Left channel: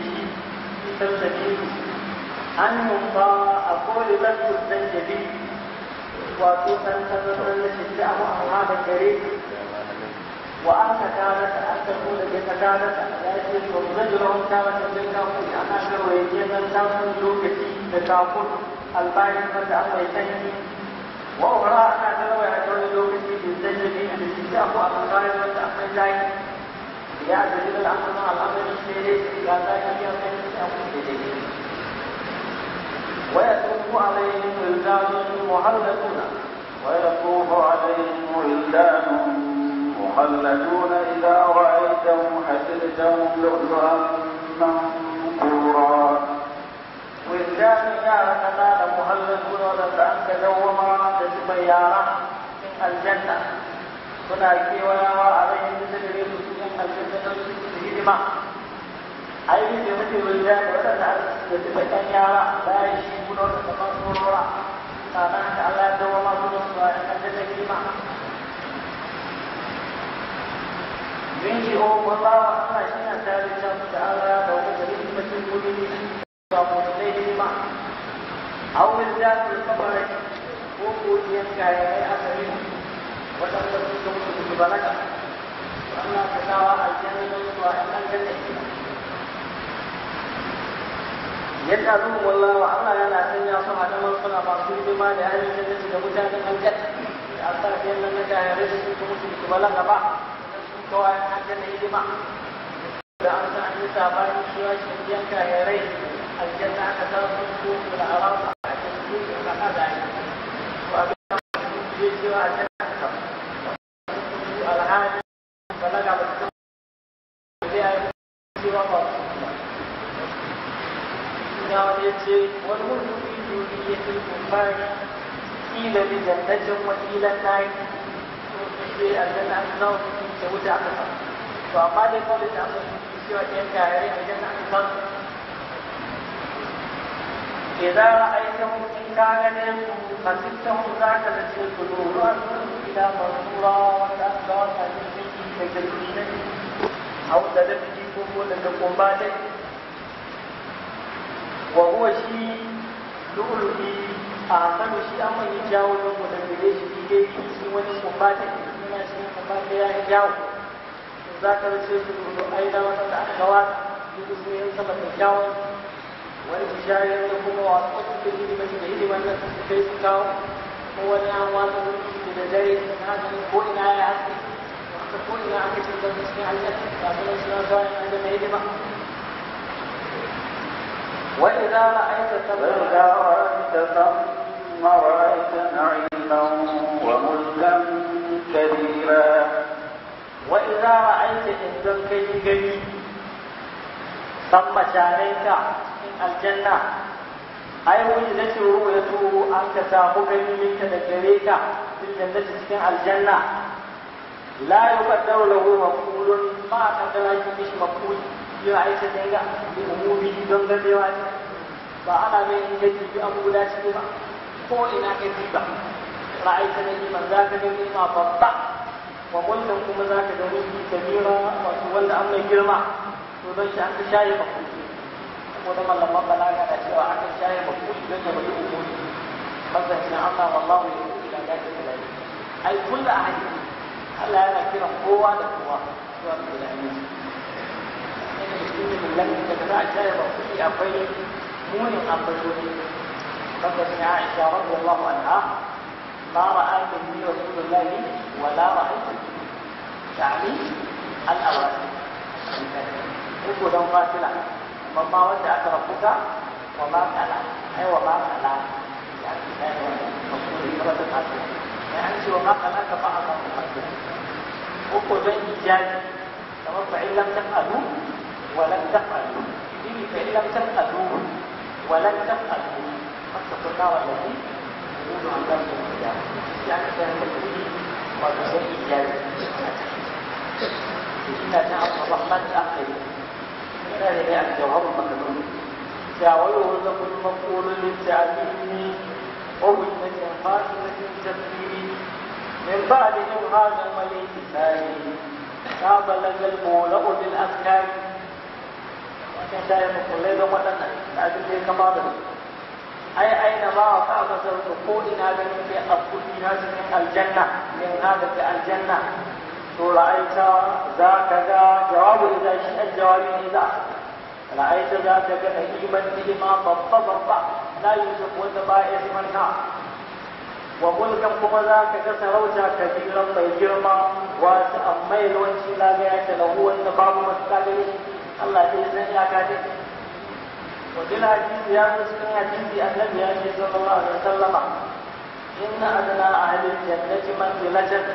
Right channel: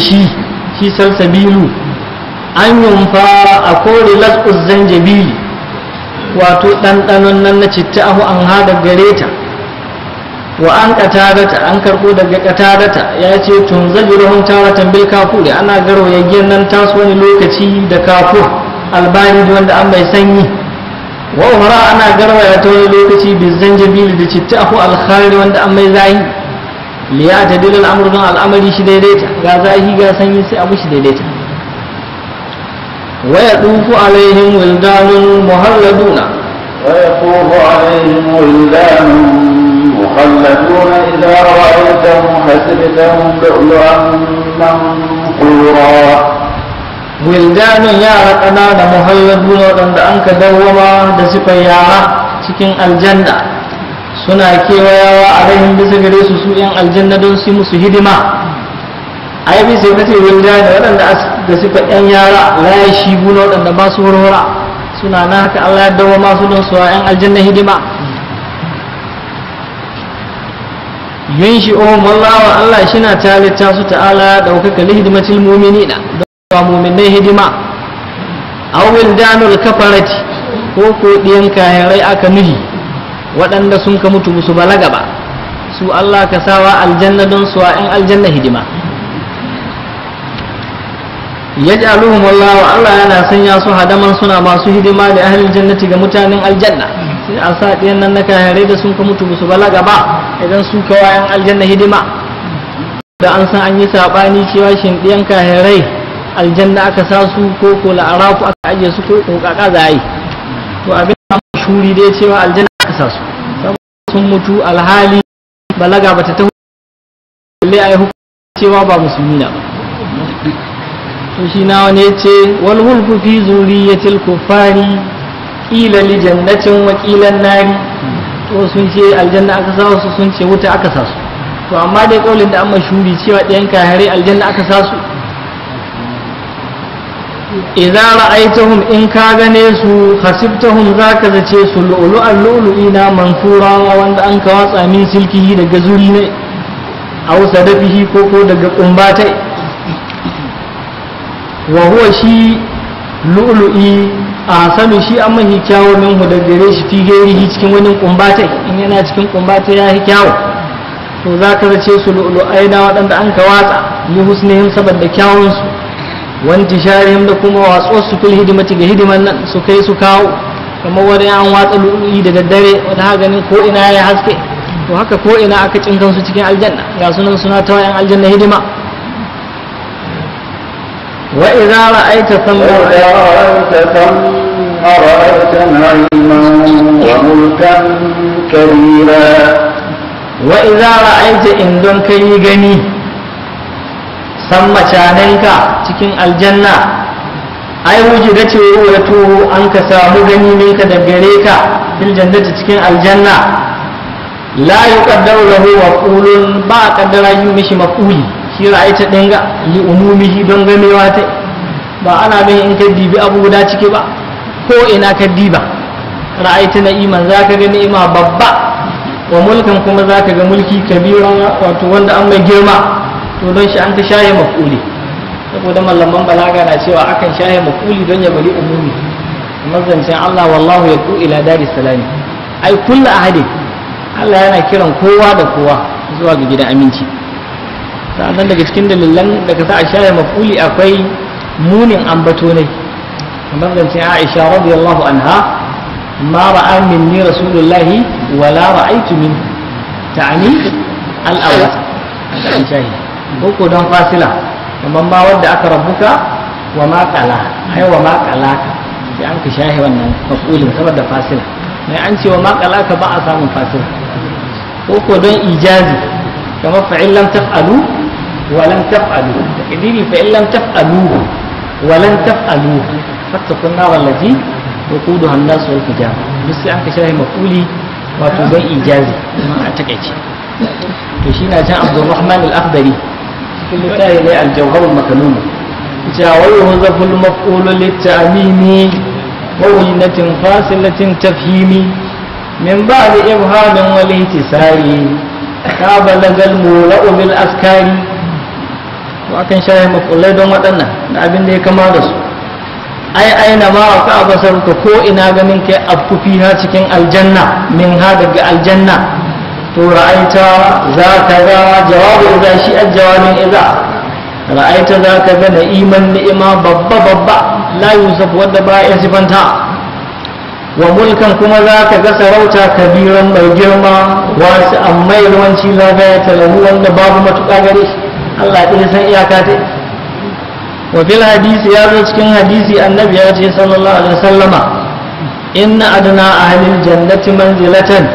shi salsabilu an yunfa a kore las'uz zanjabili wato ɗanɗanon nan na citta ahu an haɗa gare ta wa an ƙatadata an karɓo daga ƙatadata ya ce tun zabiruhun taratan bil kafuri ana garo yaggiyar nan tasu wani lokaci da kafur albani wanda an mai sanyi wa umara ana garwaya ta wani lokaci bi zanjabili da citta ahu alkhari wanda an mai zahi liya ta dilal amru don al'amari shi daidaita ga zahi ga sanyi sai abu shi daidaita wa yadufu alaihim wildanun muhalladuna wa yaqufu alaihim wildanun مخلدون إذا رأيتهم حسبتهم لؤلؤا منثورا ولدان يارا قنانا مخلدون وأن أنك دوما دسك يارا cikin aljanna suna kewayawa alaihim bisa gare su yan aljanna don su musu hidima ai bisa kace wildan waɗanda da suka yan yara la yashibuna waɗanda ba su horora suna na haka Allah ya dawo masu don su yan aljanna hidima yunshi'uhum Allah shina talita su ta'ala daukaka li hidimatil mu'minina da mu'minai hidima aw wildanul kafarati ko diyan kahirai aka nuhi waɗanda sun ka mutu musu balaga ba su Allah ka sawa aljanna don su in aljanna hidima yaj'aluhum Allah yana sanya su hadaman suna masu hidima da ahlul jannati ga mutanen aljanna sai a sa ɗiyan nan na kahirai da sun ka mutu musu balaga ba idan su kawayan aljanna hidima da an san an yi saɓani cewa shin ɗiyan kahirai aljanna aka sa su ko ko la'arafu aka ajiye su ko kaka za a yi to abin da shuri dai cewa aljanna aka sa su sun mutu alhali balaga bata ta balle a yi hukunci cewa ba musulmi na ba to shi na wani ce wal hulku fi zuriyatil kuffari ƙila li jannatin wa ƙilan nari to sun ce aljanna aka sa su sun ce wuta aka sa su to amma dai kaulin da an mashuri cewa ɗayan kahare aljanna aka sa su idza ra'aytahum in ka gane su hasibtahum zaka zace su lu'lu'an lu'lu'ina mansura wanda an ka watsa min silkihi daga zuri ne aw sadafihi ko daga kumbatai wa huwa shi lu'lu'i a sanu shi an mahi kyawo minhu da gare shi fi gairihi cikin wani kumbatai in yana cikin kumbatai ya yi kyawo to za ka zace su lu'lu'aina waɗanda an ka watsa li husnihim saboda kyawunsu wanti sharihim da kuma watsuwar su fil hidimati ga hidiman nan su kai su kawo kamar wani an watsa lu'lu'i da daddare wata ha ganin ko ina ya haske to haka ko ina aka cinkan su cikin aljanna ga sunan suna ta wayan aljanna hidima وإذا رأيت ثم رأيت نعيما وملكا كبيرا وإذا رأيت إن دون كي غني ثم شاننك cikin aljanna ai wujida ce wato an ka samu gani minka da gare ka fil jannati cikin aljanna la yuqaddaru lahu maf'ulun ba kaddara yi mishi maf'uli shi ra'ayta dinga li umumihi don gamewa ta ba ana bin in ka dibi abu guda ciki ba ko ina ka diba ra'ayta na'iman zaka ga ni'ima babba wa mulkan kuma zaka ga mulki kabira wato wanda an mai girma to don shi an ta shaye maf'uli saboda mallaman balaga na cewa akan shaye maf'uli don ya bari umumi mazancin Allah wallahu yaqu ila daris salami ai kullu ahadin Allah yana kiran kowa da kowa zuwa ga gidan aminci sannan daga cikin dalilan da ka sa a share maf'uli akwai munin ambato ne kamar zance Aisha radiyallahu anha ma ra'a minni rasulullahi wa la ra'aytu min ta'ani al-awwal an shahi ko don fasila kamar ma wanda aka rabbuka wa ma qala ai wa ma qalaka sai an ka shahi wannan maf'ulin saboda fasila mai an ce wa ma qalaka ba a samun fasila ko don ijazi kamar fa'in lam taf'alu ولن تفعلوا تقديري فإن لم تفعلوه ولن تفعلوه فاتقوا النار التي وقودها الناس والحجارة بس أنك شاهي مفعولي وتبين إيجازي ما أتكيتي تشينا جاء عبد الرحمن الأخضري كل كاهل الجوهر المكنون ويهذف المفعول للتأميم ووجنة فاصلة تفهيم من بعد إبهام والاهتسار كابلغ المولأ بالأسكار to akan shaye makullai don waɗannan da abin da ya kama da su ai aina ma ka basaruka ko ina ganin kai afkufi ha cikin aljanna min ha daga aljanna to ra'aita za ka ga jawabu idza shi ajwabin idza ra'aita za ka ga na'iman ni'ima babba la yusuf wadda ba ya sifanta wa mulkan kuma za ka ga sarauta kabiran mai girma wasu amma yawanci za ga ya talahu wanda babu matuƙa gare shi Allah ɗaya san iyaka ta wa fil hadisi ya zo cikin hadisi annabi ya ce sallallahu alaihi wasallama inna adna ahlil jannati manzilatan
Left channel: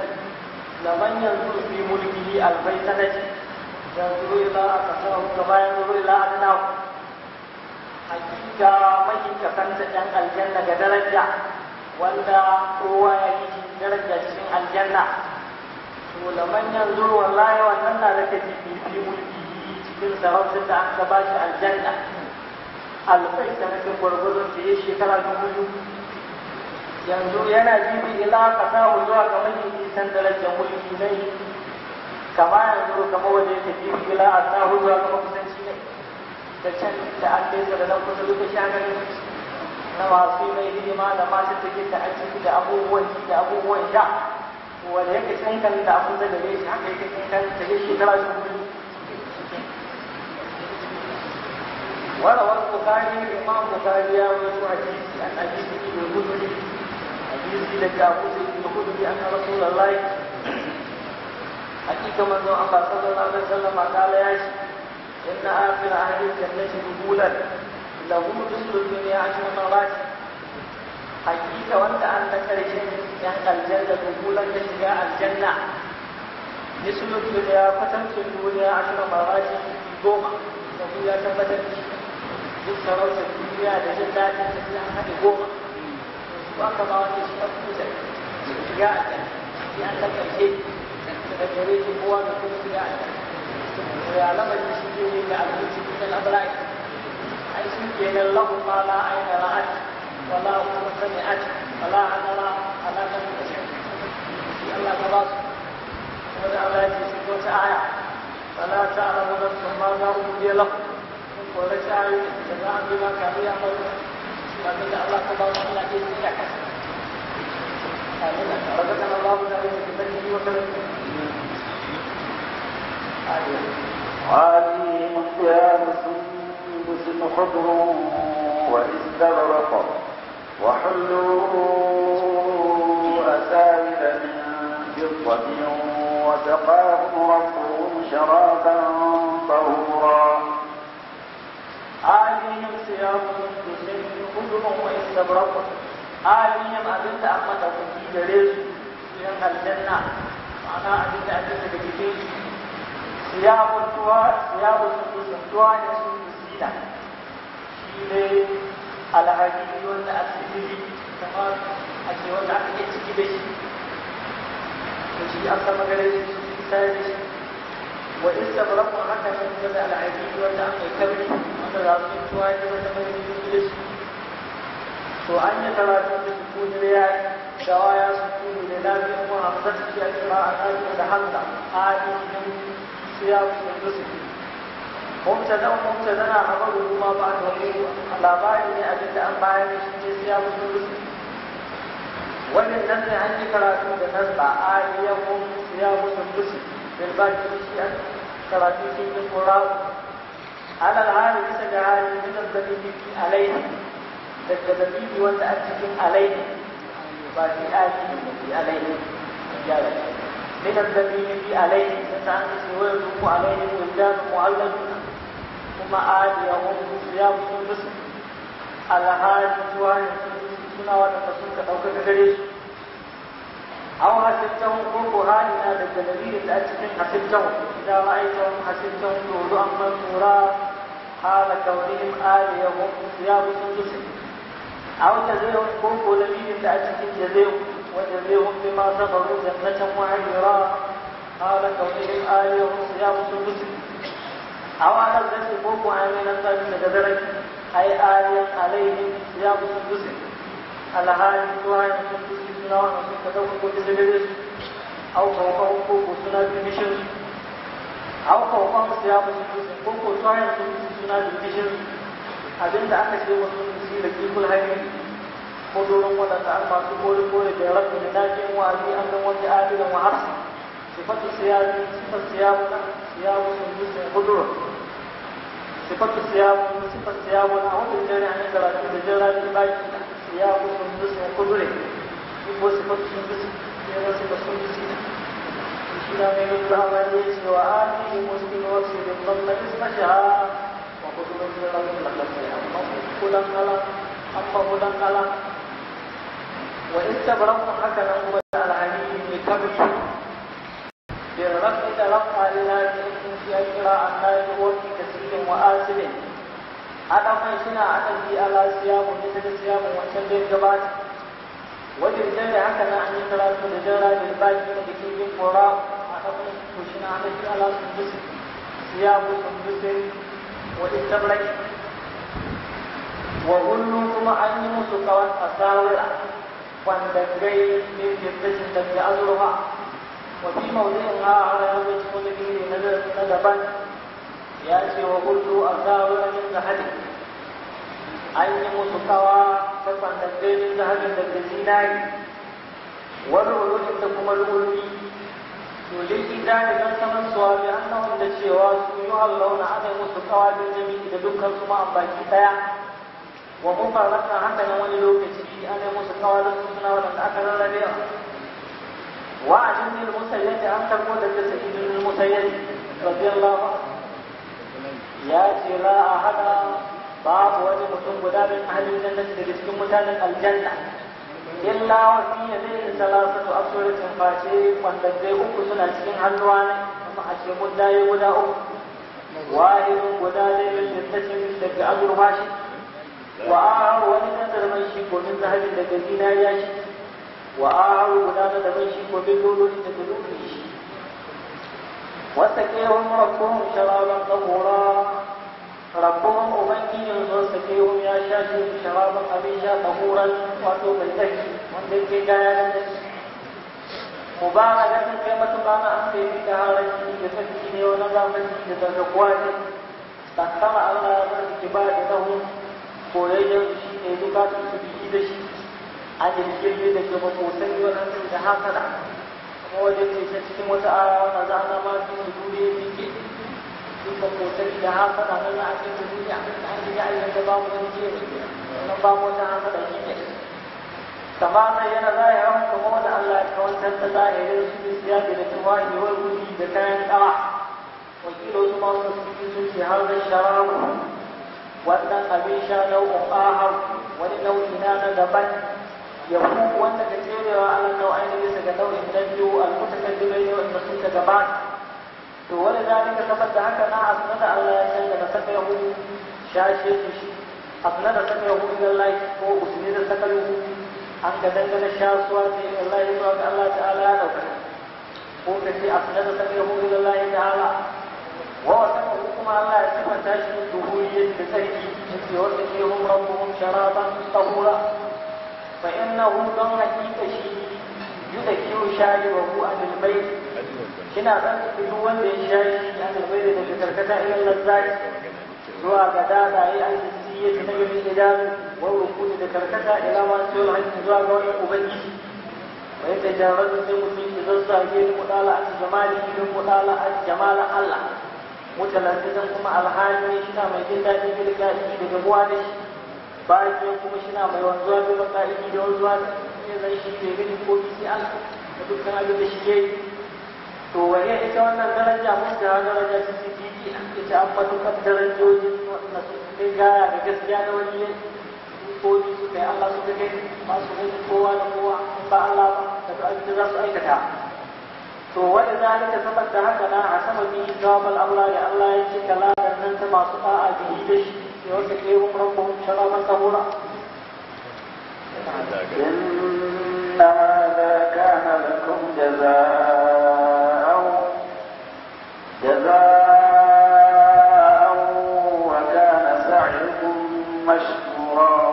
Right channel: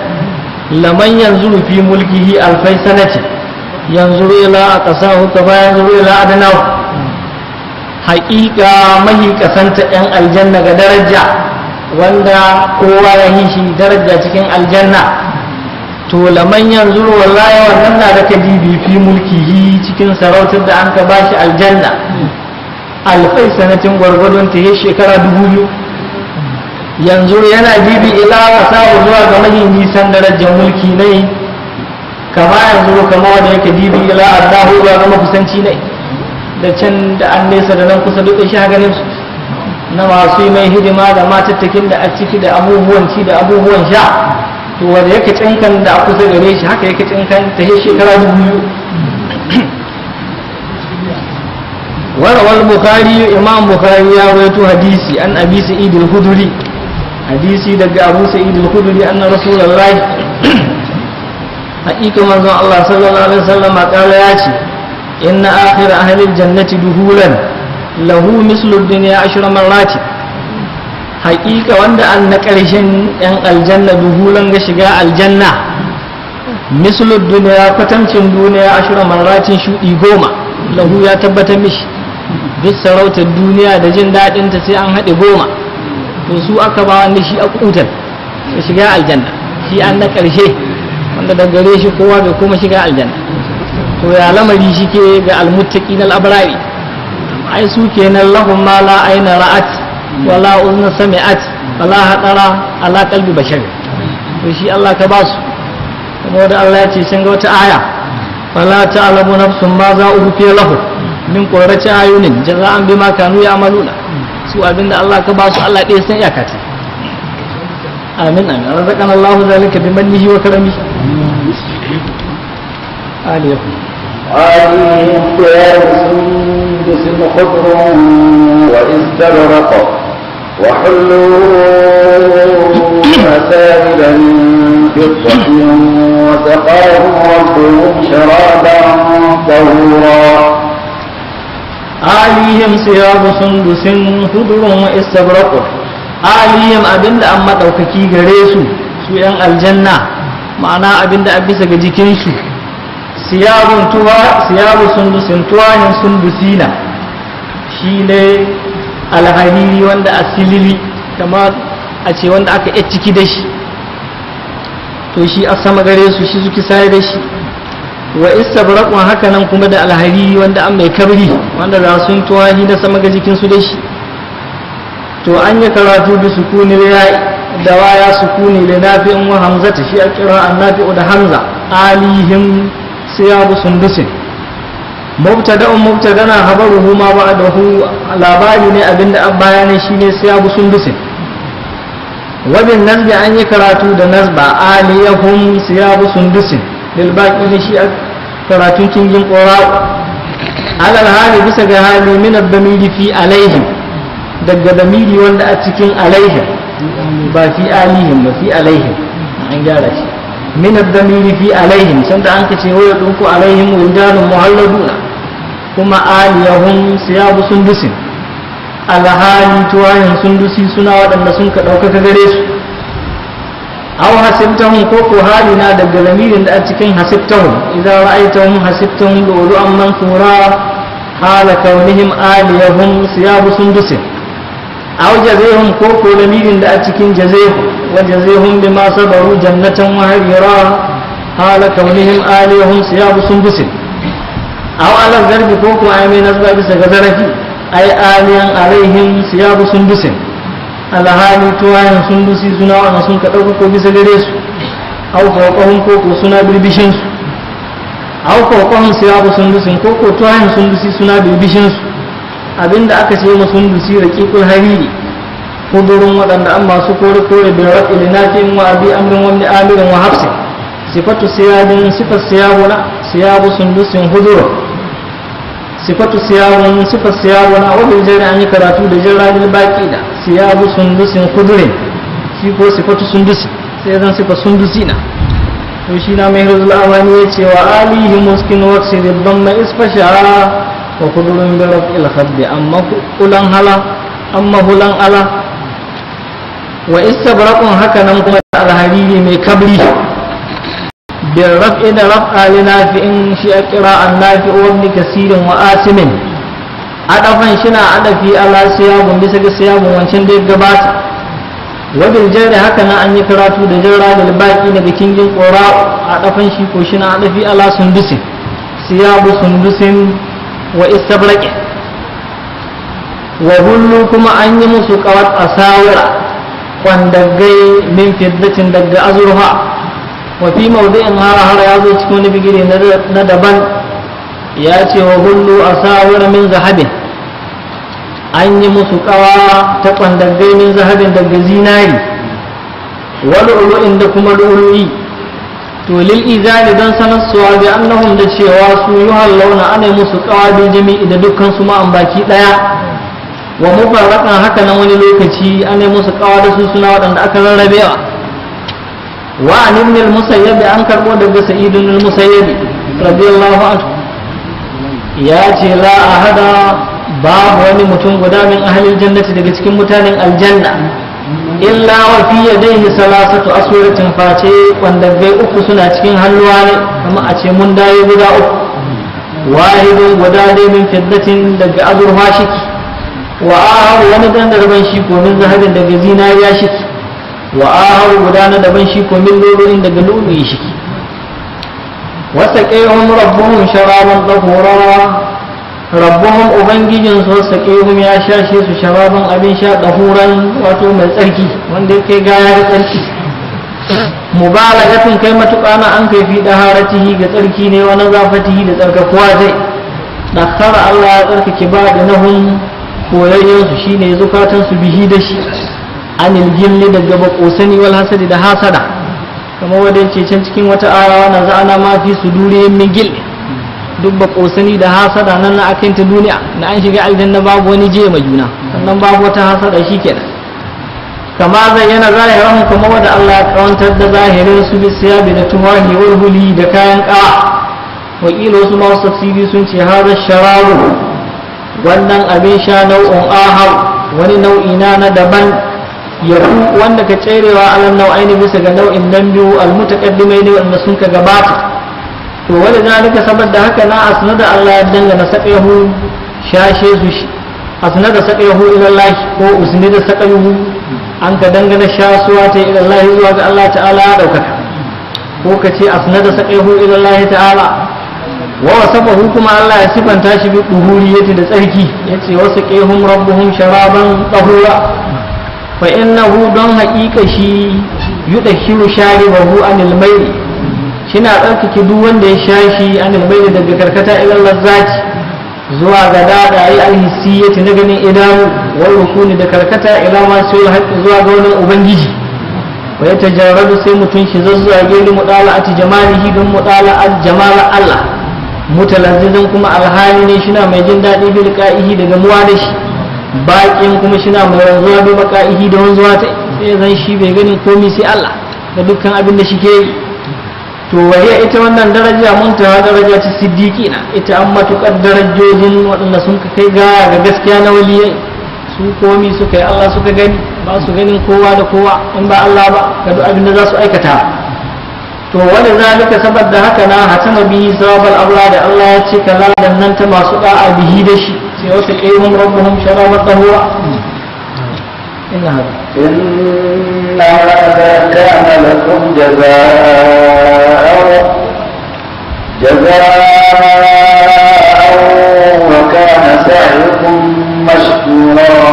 laman yanzuru fi mulkihi alfai sanati yanzuru ila aqsahu kama yanzuru ila adnahu haƙiƙa mahi kasanta yan aljanna ga daraja wanda kowa ya yi shi daraja cikin aljanna to laman yanzuru wallahi wannan na da kadibi fi mulkihi cikin sarautar da an ka bashi aljanna alfai sanatin gwargwadon ta yi shekara 2000 yanzu yana bibi ila kasahu zuwa ga mahi nisan darajar mulki ne kama yanzu kama wanda yake bibi ila allahu zuwa ga makusanci ne da can da an nesa da nan kusa duk shi ganin su na masu yi mai hidima da matattakin da a ciki da abubuwan ci da abubuwan sha to wanda yake tsinkan da a kusa gare shi haka yake tsinkan ta yi shekara 2000 وروى البخاري إمام بخاري يروي حديثي عن أبي سعيد الخدري حديثي دق أبو سعيد الخدري أن رسول الله حقيقة من الله صلى الله عليه وسلم قال ياتي إن آخر أهل الجنة دخولا له مثل الدنيا 10 مرات حقيقة وند أن كرشن أن الجنة دخولا شجاع الجنة مثل الدنيا فتمشن الدنيا 10 مرات شو إيغوما له يا تبت مش duk sarautar duniya da jin daɗinta sai an haɗe 10 to su aka ba wanda shi a kutar su shiga aljanna shi an na ƙarshe wanda da gare shi kowa bai kuma shiga aljanna to ya lamari shi ke ga almuttaqi na al'abrari ai su kenan lahum ma la aina ra'at wala uzna sami'at wala hadara ala qalbi bashar to shi Allah ka ba su kuma da Allah ya ce sun ga wata aya wala ta'lamu nafsun ma za ufiya lahu min qurrati ayunin jaza'an bima kanu ya'maluna su abinda Allah ka ba su Allah ɗaya san iyaka ce amin amin razaqana Allahu zalika bi mannihi wa karamihi alaikum عليهم ثياب سندس خضر واستبرق وحلوا أساور من فضة وسقاهم ربهم شرابا طهورا عليهم ثياب سندس خضر واستبرق عليهم abinda an madaukaki gare su su yan aljanna ma'ana abinda a bisa ga jikinsu siyabu sundusin tuwahin sundusina shi ne alhariri wanda asilili kamar a ce wanda aka yi ciki da shi to shi a sama gare su shi suke sai da shi wa istabrakun haka nan kuma da alhariri wanda an mai kabri wanda za sun tuwahi da sama ga jikinsu da shi to an yi karatu da sukuni da waya sukuni da nafi'in wa hamzata shi a kira an nafi'u da hamza alihim siyabu sundusin mubtadana habaruhu ma ba'dahu labari ne abinda an bayani shine siyabu sundusin wa bin nasbi an yi karatu da nasba aliyahum siyabu sundusin lil baqi shi karatun kingin qura alal hali bisa ga hali min ad-damiri fi alaihim daga damiri wanda a cikin alaihim ba fi alihim ba fi alaihim an gyara shi من الضمير في عليهم سند أنك ويطوف عليهم ولدان مهلدون كما آليهم ثياب سندس الحالي تواهم سندسي سنا ودن سنك دوكك غريس أو حسبتهم كوكو حالنا دق ضمير أتكين حسبتهم إذا رأيتهم حسبتهم لؤلؤا منثورا حال كونهم آليهم ثياب سندس أو جزيهم كوكو ضمير أتكين جزيهم وجزيهم بما صبروا جنة وحريرا حال كونهم آليهم ثياب سندس أو على الضرب كوكو آمين أسباب سكزرفي أي آليا عليهم ثياب سندس على حالي تواين سندسي سنا ونسون كتوكو بسجريس أو فوقهم كوكو سنا بالبشنس au kokon siyabu sundusin ko ko tuwahin sundusi suna bibishin su abinda aka ce mu sundusi raqiqul hariri kudurun waɗanda an masu kore kore bin raqil nafin wa abi amrin wa ibn amirin wa hafsin sifatu siyabin sifat siyabuna siyabu sundusin hudur sifatu siyabun sifat siyabuna wa bil jari an yi karatu da jirrani baki da siyabu sundusin hudurin shi ko sifatu sundusi sai zan sifat sundusina to shi na mai hizul awani ya ce wa alihi muskin waqsi ribban ma isfashara wa kudurun bi raf'il khabbi amma kulan hala amma hulan ala wa istabraqun haka nan kuma alhariri mai kabri bil raf'i da raf'a li nafi'in shi qira'an nafi'u wa ibn kasirin wa asimin adafan shi na adafi ala siyabun bisa ga siyabun wancan da ya gabata wajen jari haka na an yi karatu da jarra da baki daga kingin ƙora a ɗafan shi ko shi na ɗafi ala sundusin siyabu sundusin wa istabraqi wa hullu kuma an yi musu kawat asawira kwandaggai min fiddatin daga azurfa wa fi mawdi'in har ya zo cikin wani bigire na daban ya ce wa hullu asawira min zahabin an yi musu kawa ta kwandaggai min zahabin daga zinari wal ulu'in da kuma lu'lu'i to lil izali don sanarsuwa bi annahum da cewa su yuhallawna ana musu kawa bil jami'i da dukkan su ma'an baki daya wa mubarrakan haka nan wani lokaci ana musu kawa da su suna waɗanda aka rarrabewa wa an ibn al-musayyib an karbo daga sa'id ibn al-musayyib radiyallahu anhu ya ce la ahada babu wani mutum guda min ahalin jannati daga cikin mutanen aljanna illa wa fi yadayhi salasatu aswaratin face wanda gai uku suna cikin hannuwa ne kuma a ce mun dai guda uku wahidun guda dai min fiddatin daga azurfa shiki wa ahar wani dan daban shi ko min zahabin daga zinariya shiki wa ahar guda na daban shi ko min lulu'in daga lulu'i shiki wasa qayhum rabbuhum sharaban tahura rabbuhum ubangijin su saƙihum ya shashe su sharabin abin sha ɗahuran wato mai tsarki wanda yake gaya da tsarki mubalagatin kai matuƙa na an kai fi ɗaharatihi ga tsarki ne wani zafatihi da tsarkakuwa zai ɗakkara Allah ya tsarkake ba da nahun koyayyen su shine zukatan su bihi da shi anil jilli daga bakosani wal hasadi da hasada kamar wanda yake can cikin wata aya na za'ana ma fi sudurihim min gilli duk ba kosani da hasada nan na akan ta duniya na an shiga aljanna babu wani je ma juna sannan babu wata hasada shikenan kama zayyana zahirahum kuma wanda Allah ya kawantar da zahirin su bi siyabi da tuwahi wal huli da kayan kawa wakilo su ma tafsiri sun ce hada sharabu wannan abin sha nau'un ahar wani nau'i na daban ya wanda ka tserewa alal nau'aini bisa ga nau'in nan biyu al mutaqaddimai ne wanda sun ka gabata to wani zalika saboda haka na asnada Allah ya dangana saqahu shashe su asnada saqahu ila Allah ko usnida saqahu an ka dangana shasuwa ta ila Allah zuwa ga Allah ta'ala ya daukaka ko kace asnada saqahu ila Allah ta'ala wa wasafahu kuma Allah ya sifanta shi bi duhuriyati da tsarki yace wasaqihum rabbuhum sharaban tahura fa innahu don haqiqa shi yudashiru sharibahu anil mayl shina tsarkake duk wanda ya sha shi an albaida daga karkata ilan lazzati zuwa ga dada yi alhissiyati na ganin idanu wal rukuni da karkata ila ma sai haƙƙi zuwa ga wani ubangiji wa ya tajarradu sai mutun shi zazzuwa geli mudala'ati jamalihi don mudala'at jamal Allah mutalazzizan kuma alhali ne shina mai jin daɗi bil qa'ihi daga muwa da shi baƙin kuma shina mai wanzuwa bi baqa'ihi da wanzuwa ta sai zan shi bai ganin komai sai Allah da dukkan abin da shi ke yi to waye ita wannan daraja muntaha daraja ta siddiqina ita an matukar darajojin waɗanda sun kai gaya ga gaskiya na waliyai su komi suka yi Allah suka gani ba su ganin kowa da kowa in ba Allah ba ga duk abin da za su aikata to wani zalika saboda haka na hatama bihi sawabal abla da Allah ya ce kala dan nan ta masu da'a bihi da shi sai wasu qayyum rabbuhum sharabat tahura inna هذا كان لكم جزاء وكان سعيكم مشكورا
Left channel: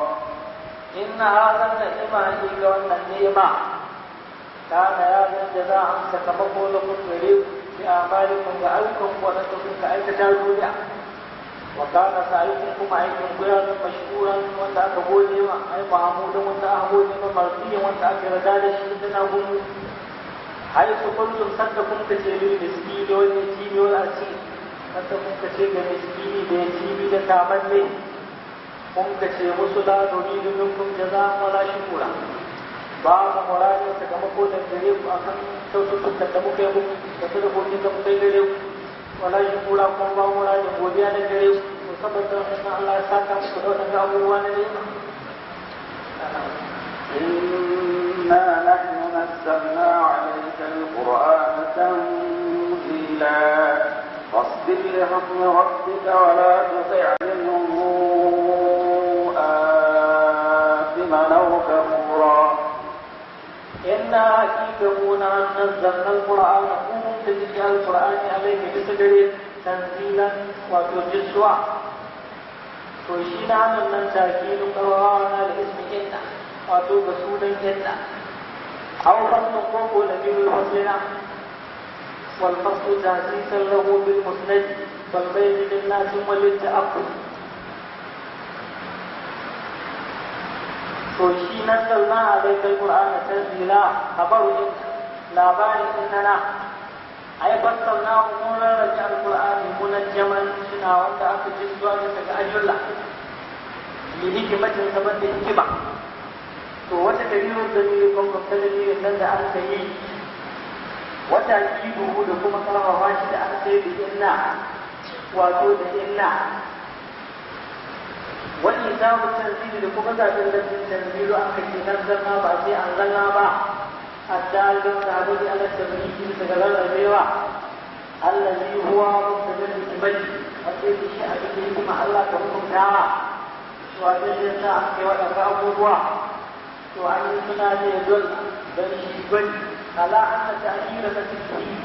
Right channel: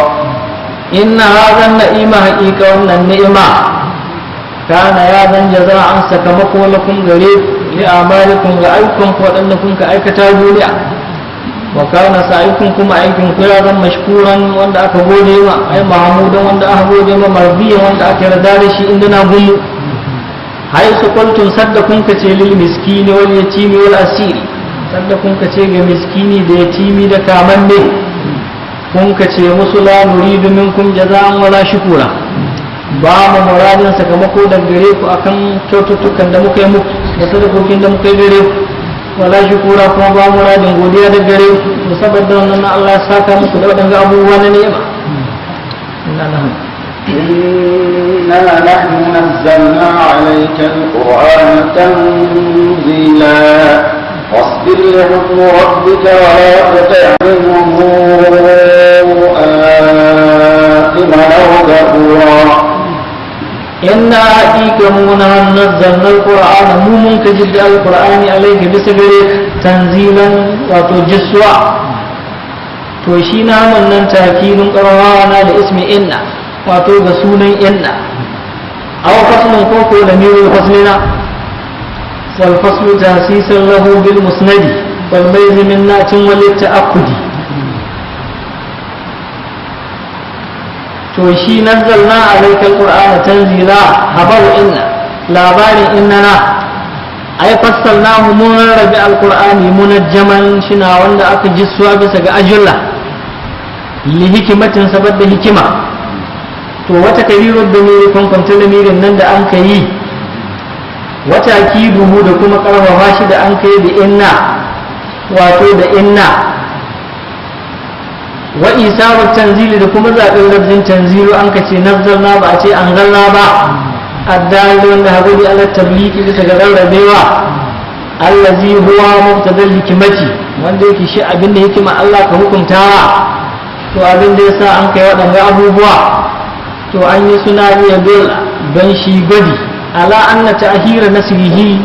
إن هذا النعيم حقيقة وأن النعمة kana ya zan jaza'an sakamako lakum gare li amalikum ga ayyukan ku wadanda kun ka aikata duniya wa kana sa'ikum kuma aikin ku ya zan mashkuran wanda aka gode ma ai mahmudan wanda aka gode ma marbiyan wanda aka yarda da shi inda na gumu hay su kuntum sadda kun ka ce lil miskini wal yatimi wal asiri sadda kun ka ce ga miskini da yatimi da kamanne kun ka ce musu la nuridu minkum jaza'an wala shukura ba mu muradin sakamako da gare ku akan kyaututtukan da muka yi muku da sadakokin da muka yi gare ku wala shukura kuma ba muradin godiya da gare ku saboda wannan Allah ya saka muku da wadannan abubuwa na ni'ima إنا نحن نزلنا عليك القرآن تنزيلا فاصبر لحكم ربك ولا تطع منهم آثما أو كفورا إنا حقيقة نزلنا القرآن مومن كجد القرآن عليك بسجرك تنزيلا وتجسوا توشينا من تأكيد قرآن لاسم إنا وتوبسون إنا أو فصل كوكو لمير فصلنا والفصل تأسيسا له بالمسند والميز من نات وللتأكد توشي نزلنا عليك القرآن تنزيلا خبر إنا لاباري إننا أي فصلناه من ربع القرآن منجما شنا وانا أكجسوا بسك أجلا لحكمة سبب حكمة to wata kabirar da ne kwankwantar lamirin nan da an ka yi wata akiduhu da kuma karfafa shi da an kai da inna wato da inna wa isabar tanzili da kuma zaɓen lafzin tanzilu an ka ce nazzalna ba a ce an zalla ba addali wanda haguri ala tabliki bisa ga rarrabewa allazi huwa mubtadal hikimati wanda yake shi abinda hikima Allah ka hukuntawa to abin da yasa an kai waɗanda abubuwa to an yi suna iya don shi gwadi ala anna ta'khira nasrihi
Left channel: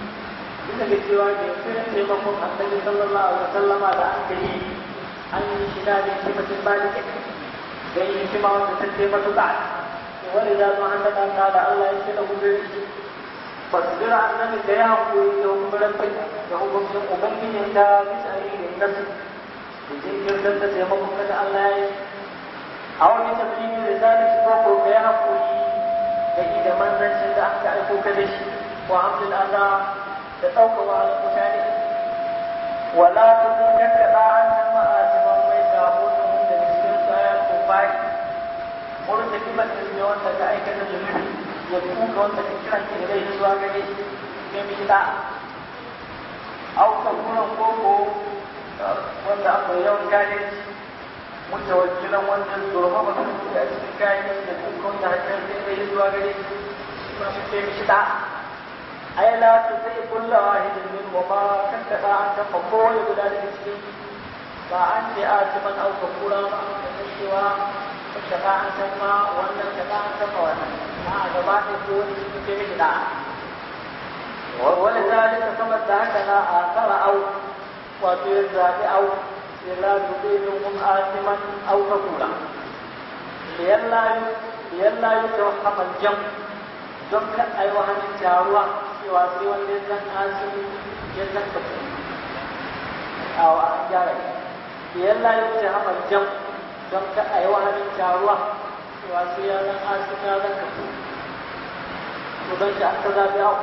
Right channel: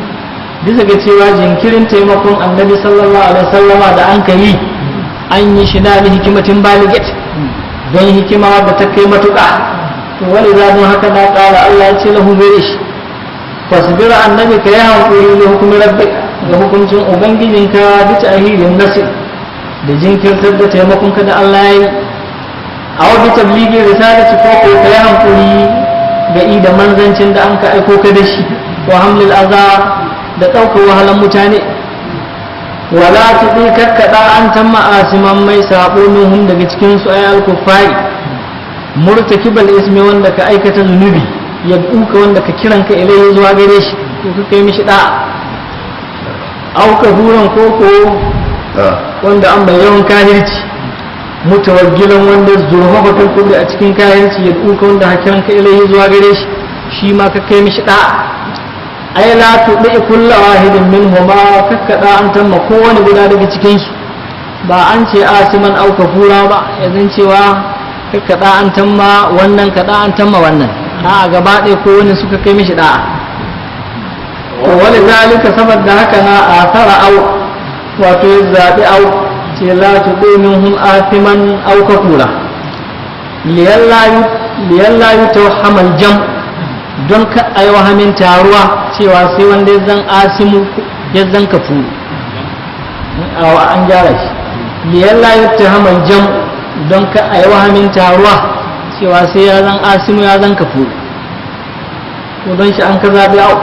bisa ga cewa jinkirin taimakon annabi sallallahu alaihi wasallama da an kai an yi shi da hikimatin baligat don hikima da ta kai matuƙa to wani zaɓin haka na ƙara Allah ya ce lahu gare shi fasbir annabi ka yi hankuri da hukumin rabbika ga hukuncin ubangijinka bi ta'khirin nasr da jinkirtar da taimakon ka da Allah ya yi a wajen tabligin risalati ko ko kai hankuri ga da manzancin da an ka aiko ka da shi wa hamlil azar da ɗaukar wahalan mutane wala tuɗi kakkaɗa an tamma asiman mai sabo nuhun daga cikin su ay al-kuffari murtakibal ismi wanda ka aikata zunubi ya duka wanda ka kiran ka ilai zuwa gare shi to ka kai mishi da au ka huran koko wanda an bayyana kahirci mutawaggilan wanda zurfafa kulli a cikin kayanci ya duka wanda hakiran ka ilai zuwa gare shi shi ma ka kai mishi da ai la tudi kullu wahidin minhuma kakkada an tamma kowane guda daga cikin su ba an ce asiman au kafura ba yanzu cewa kakkada an tamma wannan kada an tamma wannan a gaba ɗaya kowane suka kai mishi da'a to wani zalika saboda haka na asara au wato ya zaɓi au ce la tuɗe minhum asiman au kafura liyalla yi tawhammal jam don ka ayi wahamin taruwa cewa sai wanda ya zan asimu ya zan kafuru an gyara shi liyalla yi tawhammal jam don ka ayi wahamin taruwa cewa sai ya zan asimu ya zan kafuru to don shi an ka zaɓi au